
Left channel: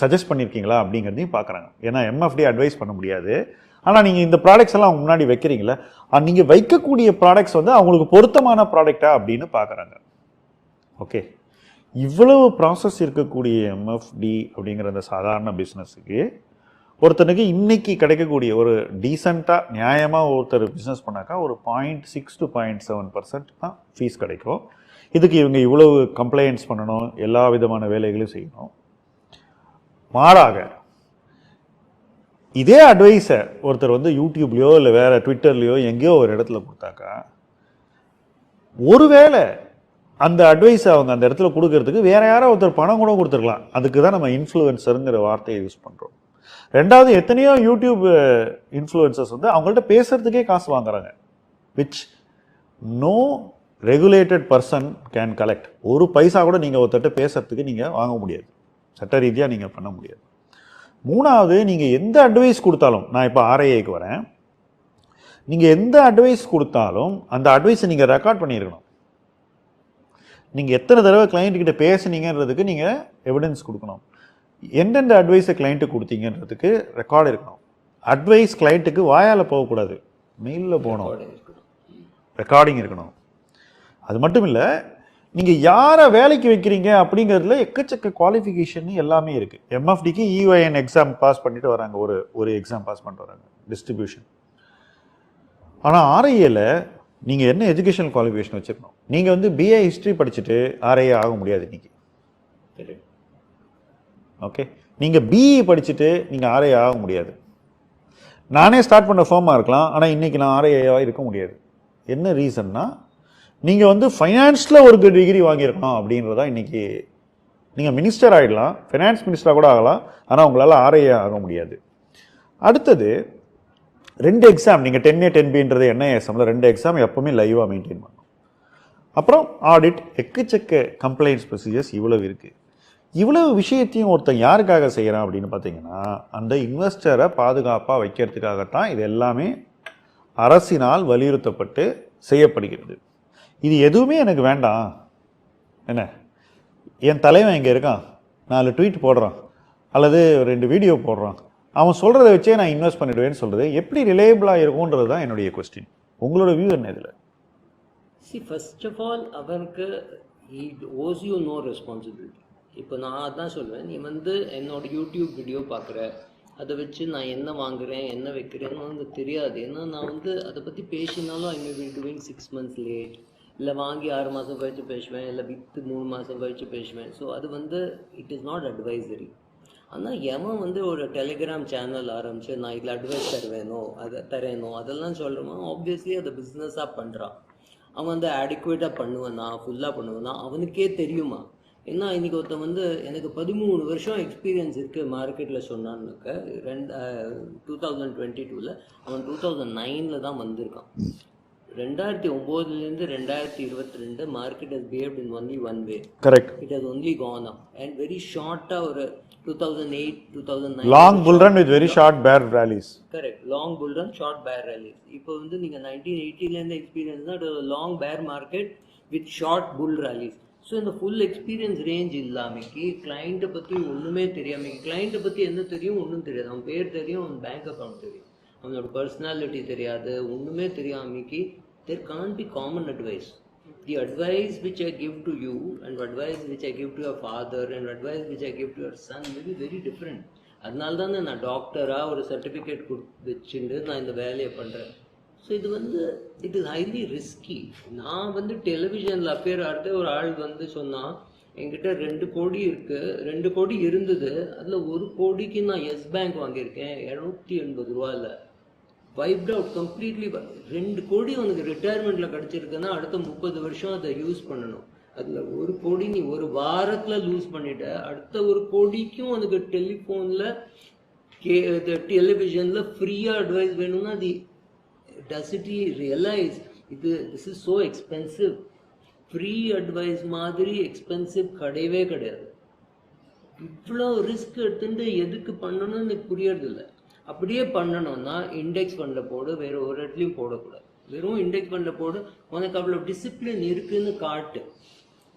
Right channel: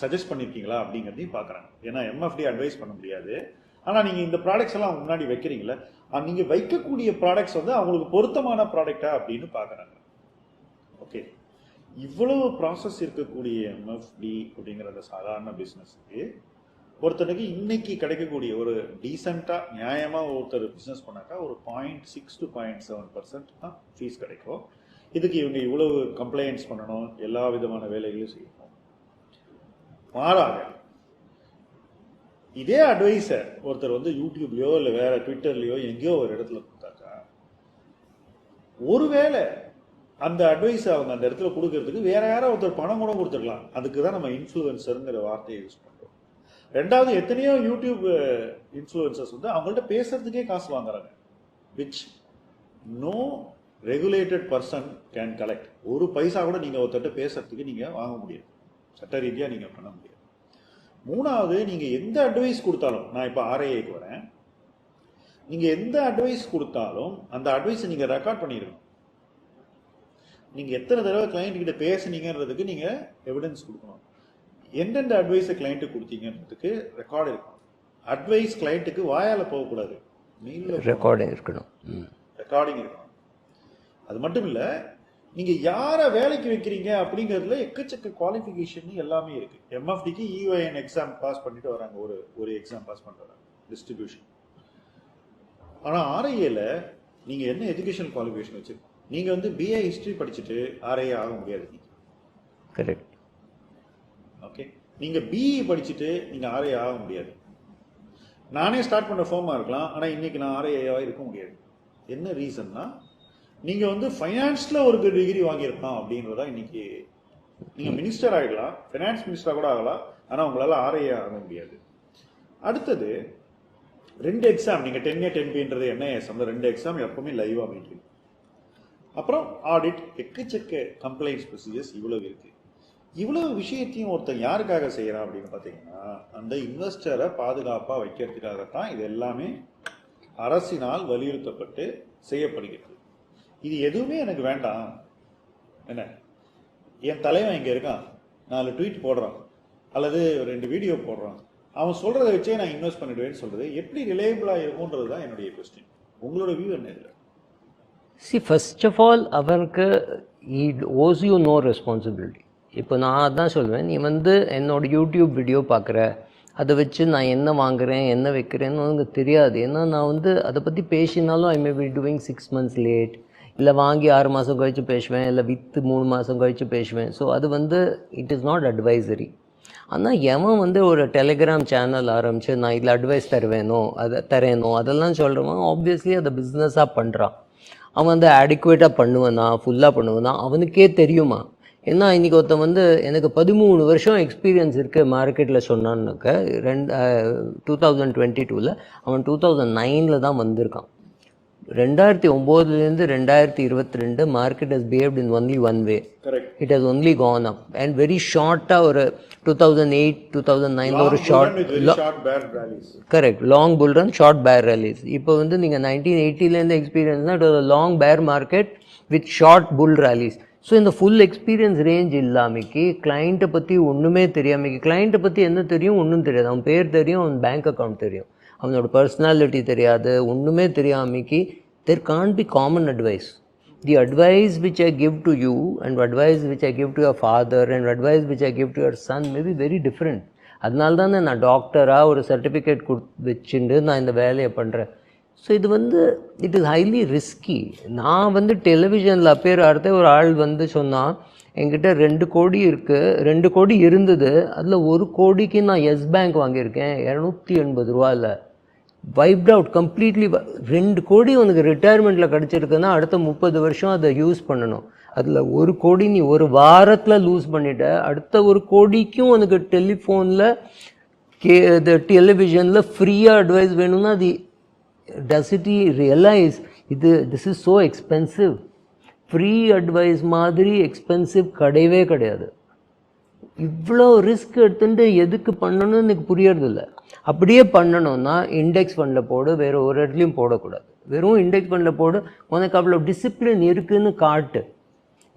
சஜஸ்ட் பண்ணியிருக்கீங்களா அப்படிங்கிறதையும் பார்க்குறாங்க. ஏன்னா எம்எஃப்டி அட்வைஸ் பண்ண முடியாது. ஆனால் நீங்கள் இந்த ப்ராடக்ட்ஸ் எல்லாம் முன்னாடி வைக்கிறீங்களா நீங்கள் வைக்கக்கூடிய ப்ராடக்ட்ஸ் வந்து அவங்களுக்கு பொருத்தமான ப்ராடக்டா அப்படின்னு பார்க்குறாங்க. ஓகே இவ்வளவு ப்ராசஸ் இருக்கக்கூடிய எம்எஃப்டி அப்படிங்கிற அந்த சாதாரண பிஸ்னஸுக்கு ஒருத்தனுக்கு இன்னைக்கு கிடைக்கக்கூடிய ஒரு டீசெண்டாக நியாயமாக ஒருத்தர் பிஸ்னஸ் பண்ணாக்கா ஒரு point six to point seven percent தான் ஃபீஸ் கிடைக்கும். இதுக்கு இவங்க இவ்வளவு கம்ப்ளைண்ட்ஸ் பண்ணணும் எல்லா விதமான வேலைகளையும் செய்யணும். மாறாக இதே அட்வைஸை ஒருத்தர் வந்து யூடியூப்லேயோ இல்லை வேறு ட்விட்டர்லேயோ எங்கேயோ ஒரு இடத்துல கொடுத்தாக்கா ஒருவேளை அந்த அட்வைஸை அவங்க அந்த இடத்துல கொடுக்கறதுக்கு வேறு யாரோ ஒருத்தர் பணம் கூட கொடுத்துருக்கலாம். அதுக்கு தான் நம்ம இன்ஃப்ளூயன்சருங்கிற வார்த்தையை யூஸ் பண்ணுறோம் ரெண்டாவது எத்தனையோ யூடியூப் இன்ஃப்ளூயன்சர்ஸ் வந்து அவங்கள்ட்ட பேசுகிறதுக்கே காசு வாங்குறாங்க. Which no regulated person can collect ஒரு பைசா கூட நீங்கள் ஒருத்தர்கிட்ட பேசுறதுக்கு நீங்கள் வாங்க முடியாது. சட்ட ரீதியாக நீங்கள் பண்ண முடியாது. மூணாவது நீங்கள் எந்த அட்வைஸ் கொடுத்தாலும் நான் இப்போ ஆர்ஐஏக்கு வரேன். நீங்கள் எந்த அட்வைஸ் கொடுத்தாலும் அந்த அட்வைஸை நீங்கள் ரெக்கார்ட் பண்ணியிருக்கணும். நீங்கள் எத்தனை தடவை client கிட்ட பேசுனீங்கன்றதுக்கு நீங்கள் எவிடன்ஸ் கொடுக்கணும். எந்தெந்த அட்வைஸை கிளைண்ட்டுக்கு கொடுத்தீங்கன்றதுக்கு ரெக்கார்டு இருக்கணும். அட்வைஸ் கிளைண்ட்டுக்கு வாயால் போகக்கூடாது. மெயிலில் போகணும்.
இருக்கணும்.
ரெக்கார்டிங் இருக்கணும். அது மட்டும் இல்லை நீங்கள் யாரை வேலைக்கு வைக்கிறீங்க அப்படிங்கிறதுல எக்கச்சக்க குவாலிஃபிகேஷன் எல்லாமே இருக்குது எம்எஃப்டிக்கு இஒஎன் எக்ஸாம் பாஸ் பண்ணிட்டு வராங்க. ஒரு ஒரு எக்ஸாம் பாஸ் பண்ணிட்டு வராங்க. டிஸ்ட்ரிபியூஷன் ஆனால் ஆர்ஐஏல நீங்கள் என்ன எஜுகேஷன் குவாலிஃபிகேஷன் வச்சுருக்கணும்? நீங்கள் வந்து பிஏ ஹிஸ்ட்ரி படிச்சுட்டு ஆர்ஐஏ ஆக முடியாது இன்னைக்கு.
கரெக்ட்
ஓகே நீங்கள் பிஇ படிச்சுட்டு நீங்கள் ஆர்ஐஏ ஆக முடியாது. நானே ஸ்டார்ட் பண்ண ஃபார்மாக இருக்கலாம். ஆனால் இன்றைக்கி நான் ஆர்ஐஏவாக இருக்க முடியாது. என்ன ரீசன்னா நீங்கள் வந்து ஃபைனான்ஸில் ஒரு டிகிரி வாங்கியிருக்கணும் அப்படின்றதா இன்றைக்கி நீங்கள் மினிஸ்டர் ஆகிடலாம் ஃபைனான்ஸ் மினிஸ்டராக கூட ஆகலாம் ஆனால் உங்களால் ஆர்ஐஏ ஆக முடியாது. அடுத்தது ரெண்டு எக்ஸாம் நீங்கள் டென் ஏ டென் பின்றது என்ன எக்ஸாமில் ரெண்டு எக்ஸாம் எப்போவுமே லைவாக மெயின்டைன் பண்ணும் அப்புறம் ஆடிட் எக்கச்சக்க கம்ப்ளைண்ட்ஸ் ப்ரொசீஜர்ஸ் இவ்வளவு இருக்குது இவ்வளவு விஷயத்தையும் ஒருத்தன் யாருக்காக செய்கிறான் அப்படின்னு பார்த்தீங்கன்னா அந்த இன்வெஸ்டரை பாதுகாப்பாக வைக்கிறதுக்காகத்தான் இது எல்லாமே அரசினால் வலியுறுத்தப்பட்டு செய்யப்படுகிறது. இது எதுவுமே எனக்கு வேண்டாம். என்ன? என் தலைவன் இங்கே இருக்கான். நாலு ட்வீட் போடுறான். அல்லது ரெண்டு வீடியோ போடுறான். அவன் சொல்கிறத வச்சே நான் இன்வெஸ்ட் பண்ணிடுவேன்னு சொல்கிறது எப்படி ரிலேபிளாக இருக்கும்ன்றது தான் என்னுடைய கொஸ்டின் உங்களோட வியூ என்ன இதில்?
சி ஃபஸ்ட் ஆஃப் ஆல் அவனுக்கு it owes you no responsibility இப்போ நான் அதான் சொல்வேன். நீ வந்து என்னோட யூடியூப் வீடியோ பார்க்குற. அதை வச்சு நான் என்ன வாங்குறேன் என்ன வைக்கிறேன்னு உனக்கு தெரியாது. ஏன்னா நான் வந்து அதை பற்றி பேசினாலும் I may be doing six months late இல்லை வாங்கி ஆறு மாதம் கழித்து பேசுவேன் இல்லை விற்று மூணு மாதம் கழித்து பேசுவேன். ஸோ அது வந்து இட் இஸ் நாட் அட்வைசரி ஆனால் எவன் வந்து ஒரு டெலிகிராம் சேனல் ஆரம்பித்து நான் இதில் அட்வைஸ் தருவேனோ அதை தரேனோ அதெல்லாம் சொல்கிறவன் ஆப்வியஸ்லி அதை பிஸ்னஸாக பண்ணுறான் அவன் வந்து அடிக்குவேட்டாக பண்ணுவனா ஃபுல்லாக பண்ணுவனா அவனுக்கே தெரியுமா? ஏன்னா இன்றைக்கி ஒருத்தன் வந்து எனக்கு பதிமூணு வருஷம் எக்ஸ்பீரியன்ஸ் இருக்குது மார்க்கெட்டில் சொன்னான்னுக்க ரெண்டு டூ தௌசண்ட் டுவெண்ட்டி டூவில் அவன் டூ தௌசண்ட் நைனில் தான் வந்திருக்கான். ரெண்டாயிரத்தி ஒம்போதுலேருந்து ரெண்டாயிரத்தி இருபத்தி ரெண்டு market has behaved in only one way
correct
it has only gone up and very ஷார்ட்டாக ஒரு two thousand eight two thousand
long
nine
bull run with very short bear rallies
correct long bull run short bear rallies இப்போ வந்து நீங்கள் nineteen எயிட்டிலேருந்து எக்ஸ்பீரியன்ஸ்னால் it long bear market with short bull rallies so இந்த full experience range இல்லாமைக்கு கிளைண்ட்டை பற்றி ஒன்றுமே தெரியாமைக்கு கிளைண்ட்டை பற்றி என்ன தெரியும் ஒன்றும் தெரியாது. அவன் பேர் தெரியும் அவன் பேங்க் அக்கௌண்ட் தெரியும். அவனோட பர்சனாலிட்டி தெரியாது ஒன்றுமே தெரியாமைக்கு there can be common advice the advice which I give to you and advice which I give to your father and advice which I give to your son maybe very different அதனால தானே நான் டாக்டராக ஒரு certificate கொடு வச்சுட்டு நான் இந்த வேலையை பண்ணுறேன் ஸோ இது வந்து இட் இஸ் ஹைலி ரிஸ்கி நான் வந்து டெலிவிஷனில் அப்பேர் ஆகிறத ஒரு ஆள் வந்து சொன்னான் என்கிட்ட ரெண்டு கோடி இருக்குது ரெண்டு கோடி இருந்தது அதில் ஒரு கோடிக்கு நான் எஸ் பேங்க் வாங்கியிருக்கேன் இரநூத்தி எண்பது ரூபாயில். வைப்ட் அவுட் கம்ப்ளீட்லி ரெண்டு கோடி உனக்கு ரிட்டையர்மெண்ட்டில் கிடச்சிருக்குன்னா அடுத்த முப்பது வருஷம் அதை யூஸ் பண்ணணும். அதில் ஒரு கோடி நீ ஒரு வாரத்தில் லூஸ் பண்ணிட்ட. அடுத்த ஒரு கோடிக்கும் உனக்கு டெலிஃபோனில் கே இது டெலிவிஷனில் ஃப்ரீயாக அட்வைஸ் வேணும்னா அது டஸ் இட் ரியலைஸ் இது this is so expensive free advice மாதிரி எக்ஸ்பென்சிவ் கிடையவே கிடையாது. இவ்வளோ ரிஸ்க் எடுத்துட்டு எதுக்கு பண்ணணும்னு எனக்கு புரியறதில்ல. அப்படியே பண்ணணும்னா இண்டெக்ஸ் ஃபண்டில் போடு வேறு ஒரு இடத்துலையும் போடக்கூடாது. வெறும் இண்டெக்ஸ் ஃபண்டில் போடு உனக்கு அவ்வளோ டிசிப்ளின் இருக்குன்னு காட்டு.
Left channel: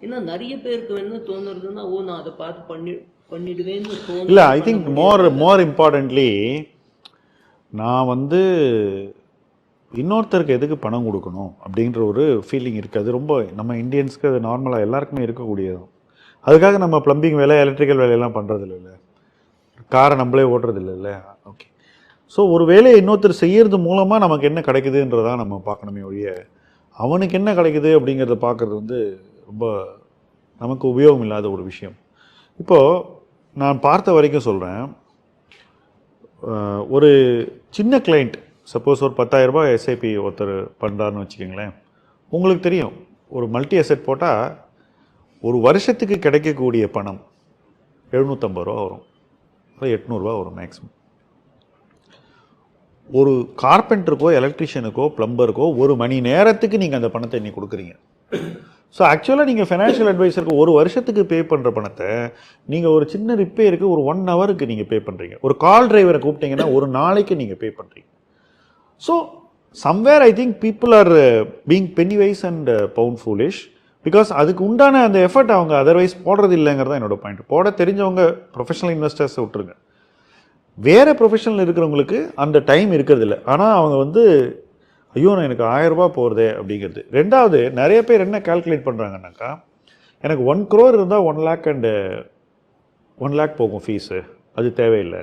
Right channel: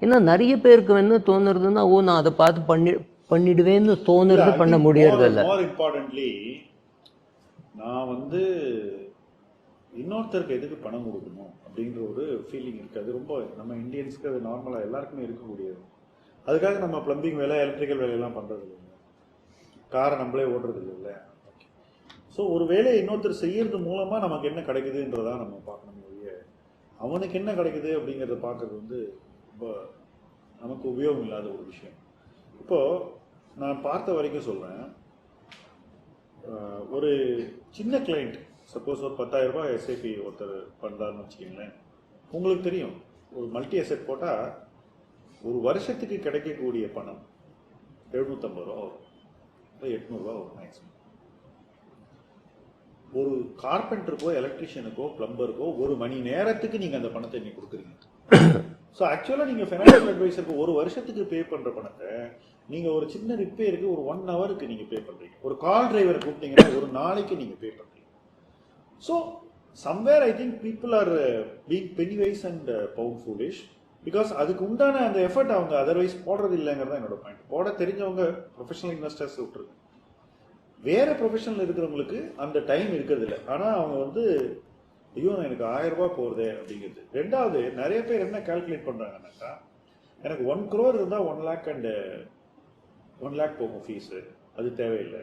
ஏன்னா நிறைய பேருக்கு என்ன தோணுறதுன்னா ஓ நான் அதை பார்த்து பண்ணி பண்ணிடுவேன்னு
ஐ
பண்ண முடியாது
மோர் இம்பார்ட்டன்ட்லி நான் வந்து இன்னொருத்தருக்கு எதுக்கு பணம் கொடுக்கணும் அப்படின்ற ஒரு ஃபீலிங் இருக்குது அது ரொம்ப நம்ம இந்தியன்ஸ்க்கு அது நார்மலாக எல்லாருக்குமே இருக்கக்கூடியது அதுக்காக நம்ம ப்ளம்பிங் வேலை எலக்ட்ரிக்கல் வேலையெல்லாம் பண்ணுறது இல்லைல்ல காரை நம்மளே ஓட்டுறது இல்லை ஓகே ஸோ ஒரு வேலையை இன்னொருத்தர் செய்கிறது மூலமாக நமக்கு என்ன கிடைக்குதுன்றதான் நம்ம பார்க்கணுமே ஒழிய அவனுக்கு என்ன கிடைக்குது அப்படிங்கிறத பார்க்குறது வந்து ரொம்ப நமக்கு உபயோகம் இல்லாத ஒரு விஷயம். இப்போது நான் பார்த்த வரைக்கும் சொல்கிறேன் ஒரு சின்ன கிளைண்ட் சப்போஸ் ஒரு 10000 ரூபாய் எஸ்ஐபி ஒருத்தர் பண்ணுறாருன்னு வச்சுக்கோங்களேன். உங்களுக்கு தெரியும் ஒரு மல்டி அசெட் போட்டால் ஒரு வருஷத்துக்கு கிடைக்கக்கூடிய பணம் எழுநூற்றம்பது ரூபா வரும். இல்லை எட்நூறுரூவா வரும் மேக்ஸிமம் ஒரு கார்பெண்டருக்கோ எலக்ட்ரிஷியனுக்கோ ப்ளம்பருக்கோ ஒரு மணி நேரத்துக்கு நீங்கள் அந்த பணத்தை இன்னைக்கு கொடுக்குறீங்க. ஸோ ஆக்சுவலாக நீங்கள் ஃபினான்ஷியல் அட்வைசருக்கு ஒரு வருஷத்துக்கு பே பண்ணுற பணத்தை நீங்கள் ஒரு சின்ன ரிப்பேருக்கு ஒரு ஒன் ஹவருக்கு நீங்கள் பே பண்ணுறீங்க ஒரு கால் டிரைவரை கூப்பிட்டீங்கன்னா ஒரு நாளைக்கு நீங்கள் பே பண்ணுறீங்க so somewhere I think people are being penny wise and pound foolish because அதுக்கு உண்டான அந்த எஃபர்ட் அவங்க அதர்வைஸ் போடுறது இல்லைங்கிறது தான் என்னோட பாயிண்ட் போட தெரிஞ்சவங்க ப்ரொஃபஷனல் இன்வெஸ்டர்ஸை விட்டுருங்க. வேறு ப்ரொஃபஷனல் இருக்கிறவங்களுக்கு அந்த டைம் இருக்கிறதில்ல ஆனால் அவங்க வந்து ஐயோ நான் எனக்கு ஆயிரம் ரூபாய் போகிறதே அப்படிங்கிறது. ரெண்டாவது நிறைய பேர் என்ன கால்குலேட் பண்ணுறாங்கன்னாக்கா எனக்கு ஒன் க்ரோர் இருந்தால் one lakh and one lakh போகும் ஃபீஸு அது தேவையில்லை.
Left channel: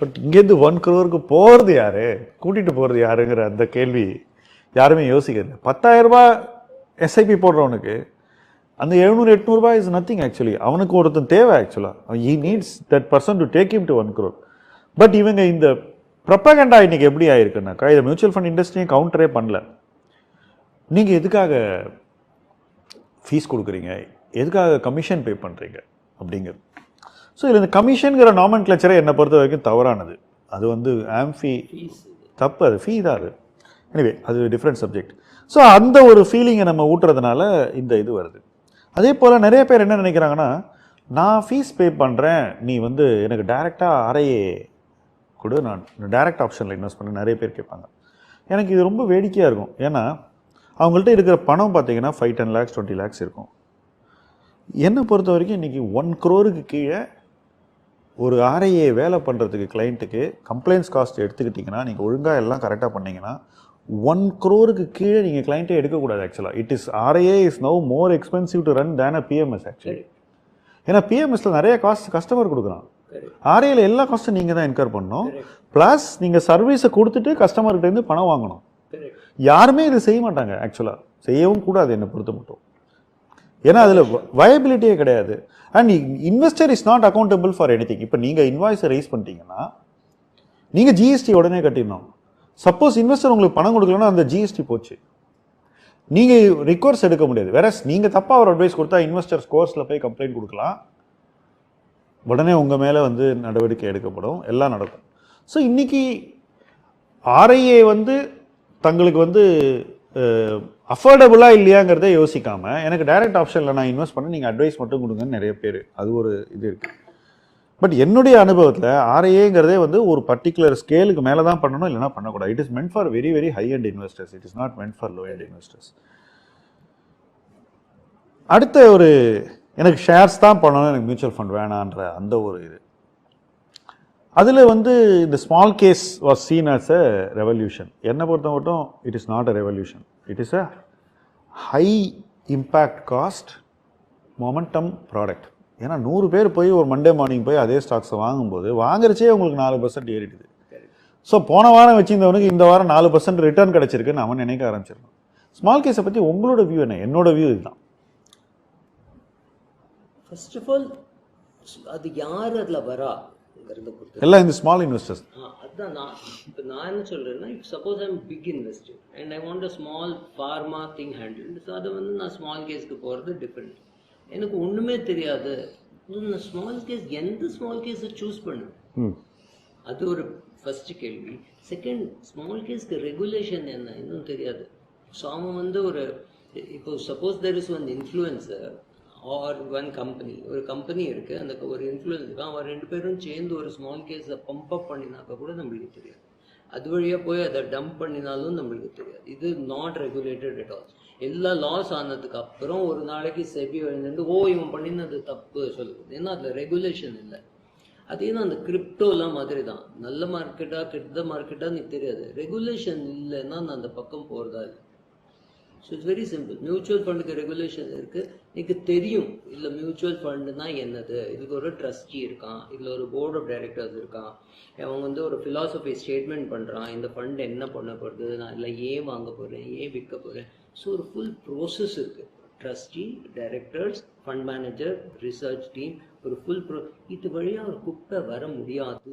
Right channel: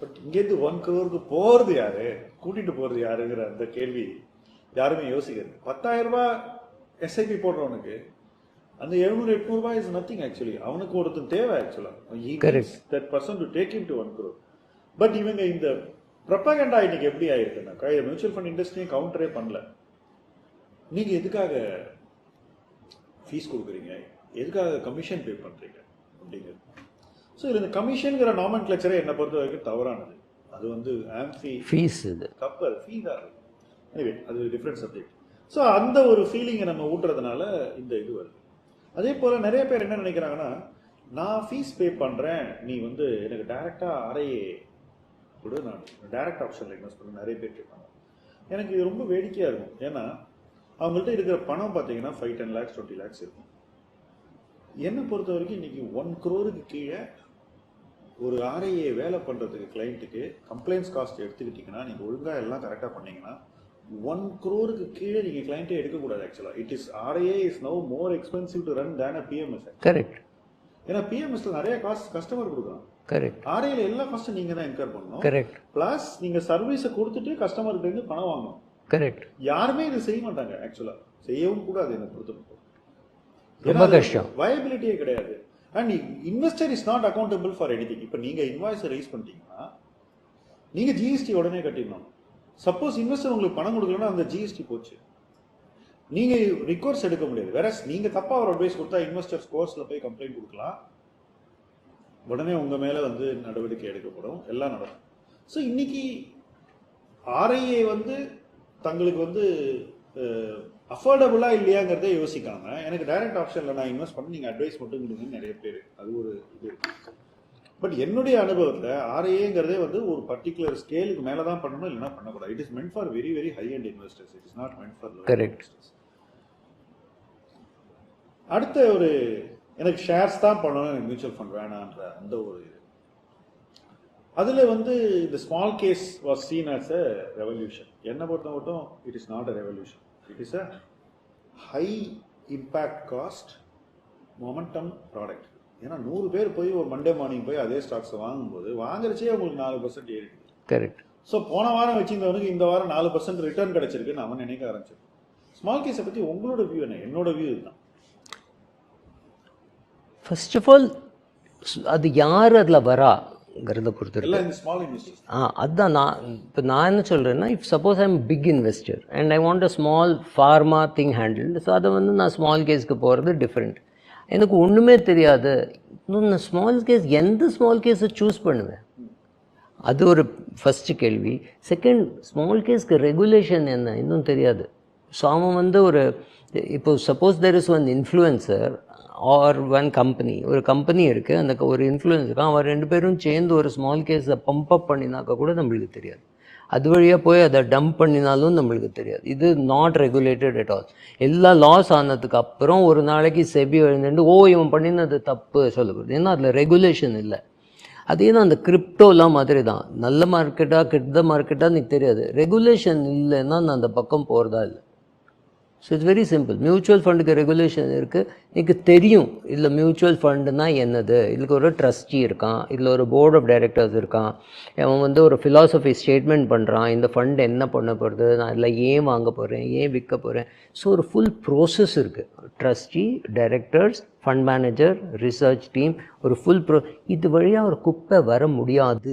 பட் இங்கேருந்து ஒன் க்ரோருக்கு போகிறது யார்? கூட்டிகிட்டு போகிறது யாருங்கிற அந்த கேள்வி யாருமே யோசிக்கிறது பத்தாயிரரூபா எஸ்ஐபி போடுறவனுக்கு அந்த எழுநூறு எட்நூறுபா இஸ் நத்திங் ஆக்சுவலி அவனுக்கு ஒருத்தன் தேவை ஆக்சுவலாக he needs that person to take him to one crore. But இவங்க இந்த ப்ரொப்பகண்டா இன்னைக்கு எப்படி ஆயிருக்குனாக்கா இதை மியூச்சுவல் ஃபண்ட் இண்டஸ்ட்ரியும் கவுண்டரே பண்ணல. நீங்கள் எதுக்காக ஃபீஸ் கொடுக்குறீங்க? எதுக்காக கமிஷன் பே பண்ணுறீங்க அப்படிங்கிறது. ஸோ இதில் இந்த கமிஷனுங்கிற நாமன் கிளச்சரை என்னை பொறுத்த வரைக்கும் தவறானது. அது வந்து ஆம்ஃபி
ஃபீஸ் இது.
தப்பு. அது ஃபீ தான் அது. எனிவே அது டிஃப்ரெண்ட் சப்ஜெக்ட் ஸோ அந்த ஒரு ஃபீலிங்கை நம்ம ஊட்டுறதுனால இந்த இது வருது. அதே போல் நிறைய பேர் என்ன நினைக்கிறாங்கன்னா நான் ஃபீஸ் பே பண்ணுறேன் நீ வந்து எனக்கு டைரெக்டாக ஆர்ஐஏ கொடு. நான் டைரக்ட் ஆப்ஷனில் இன்வெஸ்ட் பண்ண. நிறைய பேர் கேட்பாங்க. எனக்கு இது ரொம்ப வேடிக்கையாக இருக்கும். ஏன்னா அவங்கள்ட்ட இருக்கிற பணம் பார்த்தீங்கன்னா five ten lakhs twenty lakhs இருக்கும். என்னை பொறுத்த வரைக்கும் இன்றைக்கி ஒன் க்ரோருக்கு கீழே ஒரு ஆர்ஐஏ வேலை பண்ணுறதுக்கு கிளைண்ட்டுக்கு கம்ப்ளைண்ட்ஸ் காஸ்ட் எடுத்துக்கிட்டிங்கன்னா நீங்கள் ஒழுங்காக எல்லாம் கரெக்டாக பண்ணிங்கன்னா ஒன் க்ரோருக்கு கீழே நீங்கள் கிளைண்ட்டே எடுக்கக்கூடாது ஆக்சுவலாக it is RIA is now more expensive to run than a PMS
correct
ஏன்னா பிஎம்எஸ்ல நிறைய காஸ்ட் கஸ்டமர் கொடுக்குறான்.
கரெக்ட்
ஆர்ஐயில் எல்லா காஸ்ட்டும் நீங்கள் தான் இன்கர் பண்ணணும்.
கரெக்ட்
ப்ளஸ் நீங்கள் சர்வீஸை கொடுத்துட்டு கஸ்டமர்கிட்டேருந்து பணம் வாங்கணும்.
கரெக்ட்
யாருமே இதை செய்ய மாட்டாங்க ஆக்சுவலாக செய்யவும் கூடாது என்னை பொறுத்த மட்டும். ஏன்னா அதில் வயபிலிட்டியே கிடையாது. And investor is not accountable for anything இப்போ நீங்கள் இன்வாய்ஸை ரைஸ் பண்ணிட்டீங்கன்னா நீங்கள் ஜிஎஸ்டி உடனே கட்டிடணும். சப்போஸ் இன்வெஸ்டர் உங்களுக்கு பணம் கொடுக்கலன்னா அந்த ஜிஎஸ்டி போச்சு. நீங்கள் ரிக்வர்ஸ் எடுக்க முடியாது. வேற நீங்கள் தப்பாக ஒரு அட்வைஸ் கொடுத்தா இன்வெஸ்டர் ஸ்கோர்ஸில் போய் கம்ப்ளைண்ட் கொடுக்கலாம். உடனே உங்கள் மேலே வந்து நடவடிக்கை எடுக்கப்படும். எல்லாம் நடக்கும். ஸோ இன்றைக்கி ஆர்ஐஏ வந்து தங்களுக்கு வந்து அஃபோர்டபுளாக இல்லையாங்கிறதே யோசிக்காமல் எனக்கு டைரக்ட் ஆப்ஷனில் நான் இன்வெஸ்ட் பண்ண நீங்கள் அட்வைஸ் மட்டும் கொடுங்கன்னு நிறைய பேர். அது ஒரு இது இருக்குது பட் என்னுடைய அனுபவத்தில் ஆர்ஐஏங்கிறதே வந்து ஒரு பர்டிகுலர் ஸ்கேலுக்கு மேலே தான் பண்ணணும் இல்லைனா பண்ணக்கூடாது. It is meant for very very high and investors it is not meant for low. Investors அடுத்த ஒரு எனக்கு ஷேர்ஸ் தான் பண்ணணும் எனக்கு மியூச்சுவல் ஃபண்ட் வேணான்ற அந்த ஒரு இது. அதில் வந்து இந்த smallcase was seen as a revolution என்னை பொறுத்த மட்டும் it is not a revolution it is a high impact cost momentum product ஏன்னா நூறு பேர் போய் ஒரு மண்டே மார்னிங் போய் அதே ஸ்டாக்ஸை வாங்கும்போது வாங்குறச்சே உங்களுக்கு நாலு பர்சன்ட் ஏறிடுது.
கரெக்ட்
ஸோ போன வாரம் வச்சிருந்தவனுக்கு இந்த வாரம் நாலு பர்சன்ட் ரிட்டர்ன் கிடைச்சிருக்குன்னு அவன் நினைக்க ஆரம்பிச்சிருக்கான் ஸ்மால் கேஸை பற்றி உங்களோட வியூ என்ன? என்னோட வியூ இதுதான்.
ஃபர்ஸ்ட் ஆஃப் ஆல் அது யார் அதில் வரா? பண்ணுறாங்கிறத பொறுத்து
எல்லாம் இந்த ஸ்மால் இன்வெஸ்டர்ஸ்
ஆ அதுதான் நான் இப்போ நான் என்ன சொல்கிறேன்னா if suppose I'm big investor and I want a small pharma thing handle so அதை வந்து நான் ஸ்மால் கேஸ்க்கு போகிறது டிஃப்ரெண்ட் எனக்கு ஒன்றுமே தெரியாது. இன்னும் நான் ஸ்மால் கேஸ் எந்த ஸ்மால் கேஸை சூஸ் பண்ணுவேன்? அது ஒரு ஃபஸ்ட்டு கேள்வி. செகண்ட் ஸ்மால் கேஸ்க்கு ரெகுலேஷன் என்ன? இன்னும் தெரியாது. ஸோ அவன் வந்து ஒரு இப்போ suppose there is one influencer or one company ஒரு கம்பெனி இருக்குது அந்த ஒரு இன்ஃப்ளூயன்ஸ் இருக்கு அவன் ரெண்டு பேரும் சேர்ந்து ஒரு ஸ்மால் கேஸை பம்ப் அப் பண்ணினாக்கா கூட நம்மளுக்கு தெரியாது. அது வழியாக போய் அதை டம்ப் பண்ணினாலும் நம்மளுக்கு தெரியாது. இது நாட் ரெகுலேட்டட் அட் ஆல் எல்லா லாஸ் ஆனதுக்கு அப்புறம் ஒரு நாளைக்கு செபி எழுந்துட்டு ஓ இவன் பண்ணினது தப்பு சொல்லக்கூடாது. ஏன்னா அதில் ரெகுலேஷன் இல்லை. அதே தான் அந்த கிரிப்டோலாம் மாதிரி தான் நல்ல மார்க்கெட்டாக கெட்ட மார்க்கெட்டாக எனக்கு தெரியாது. ரெகுலேஷன் இல்லைன்னா நான் அந்த பக்கம் போகிறதா இல்லை. So it's very simple mutual ஃபண்டுக்கு regulation இருக்குது எனக்கு தெரியும் இல்லை மியூச்சுவல் ஃபண்டுனா என்னது? இதுக்கு ஒரு ட்ரஸ்டி இருக்கான். இதில் ஒரு போர்ட் ஆஃப் டைரக்டர்ஸ் இருக்கான். அவன் வந்து ஒரு ஃபிலாசபி ஸ்டேட்மெண்ட் பண்ணுறான் இந்த ஃபண்ட் என்ன பண்ண போகிறது நான் இதில் ஏன் வாங்க போகிறேன் ஏன் விற்க போகிறேன் ஸோ ஒரு ஃபுல் ப்ரோசஸ் இருக்குது trustee directors fund manager research team ஒரு ஃபுல் ப்ரோ இது வழியாக ஒரு குப்பை வர முடியாது.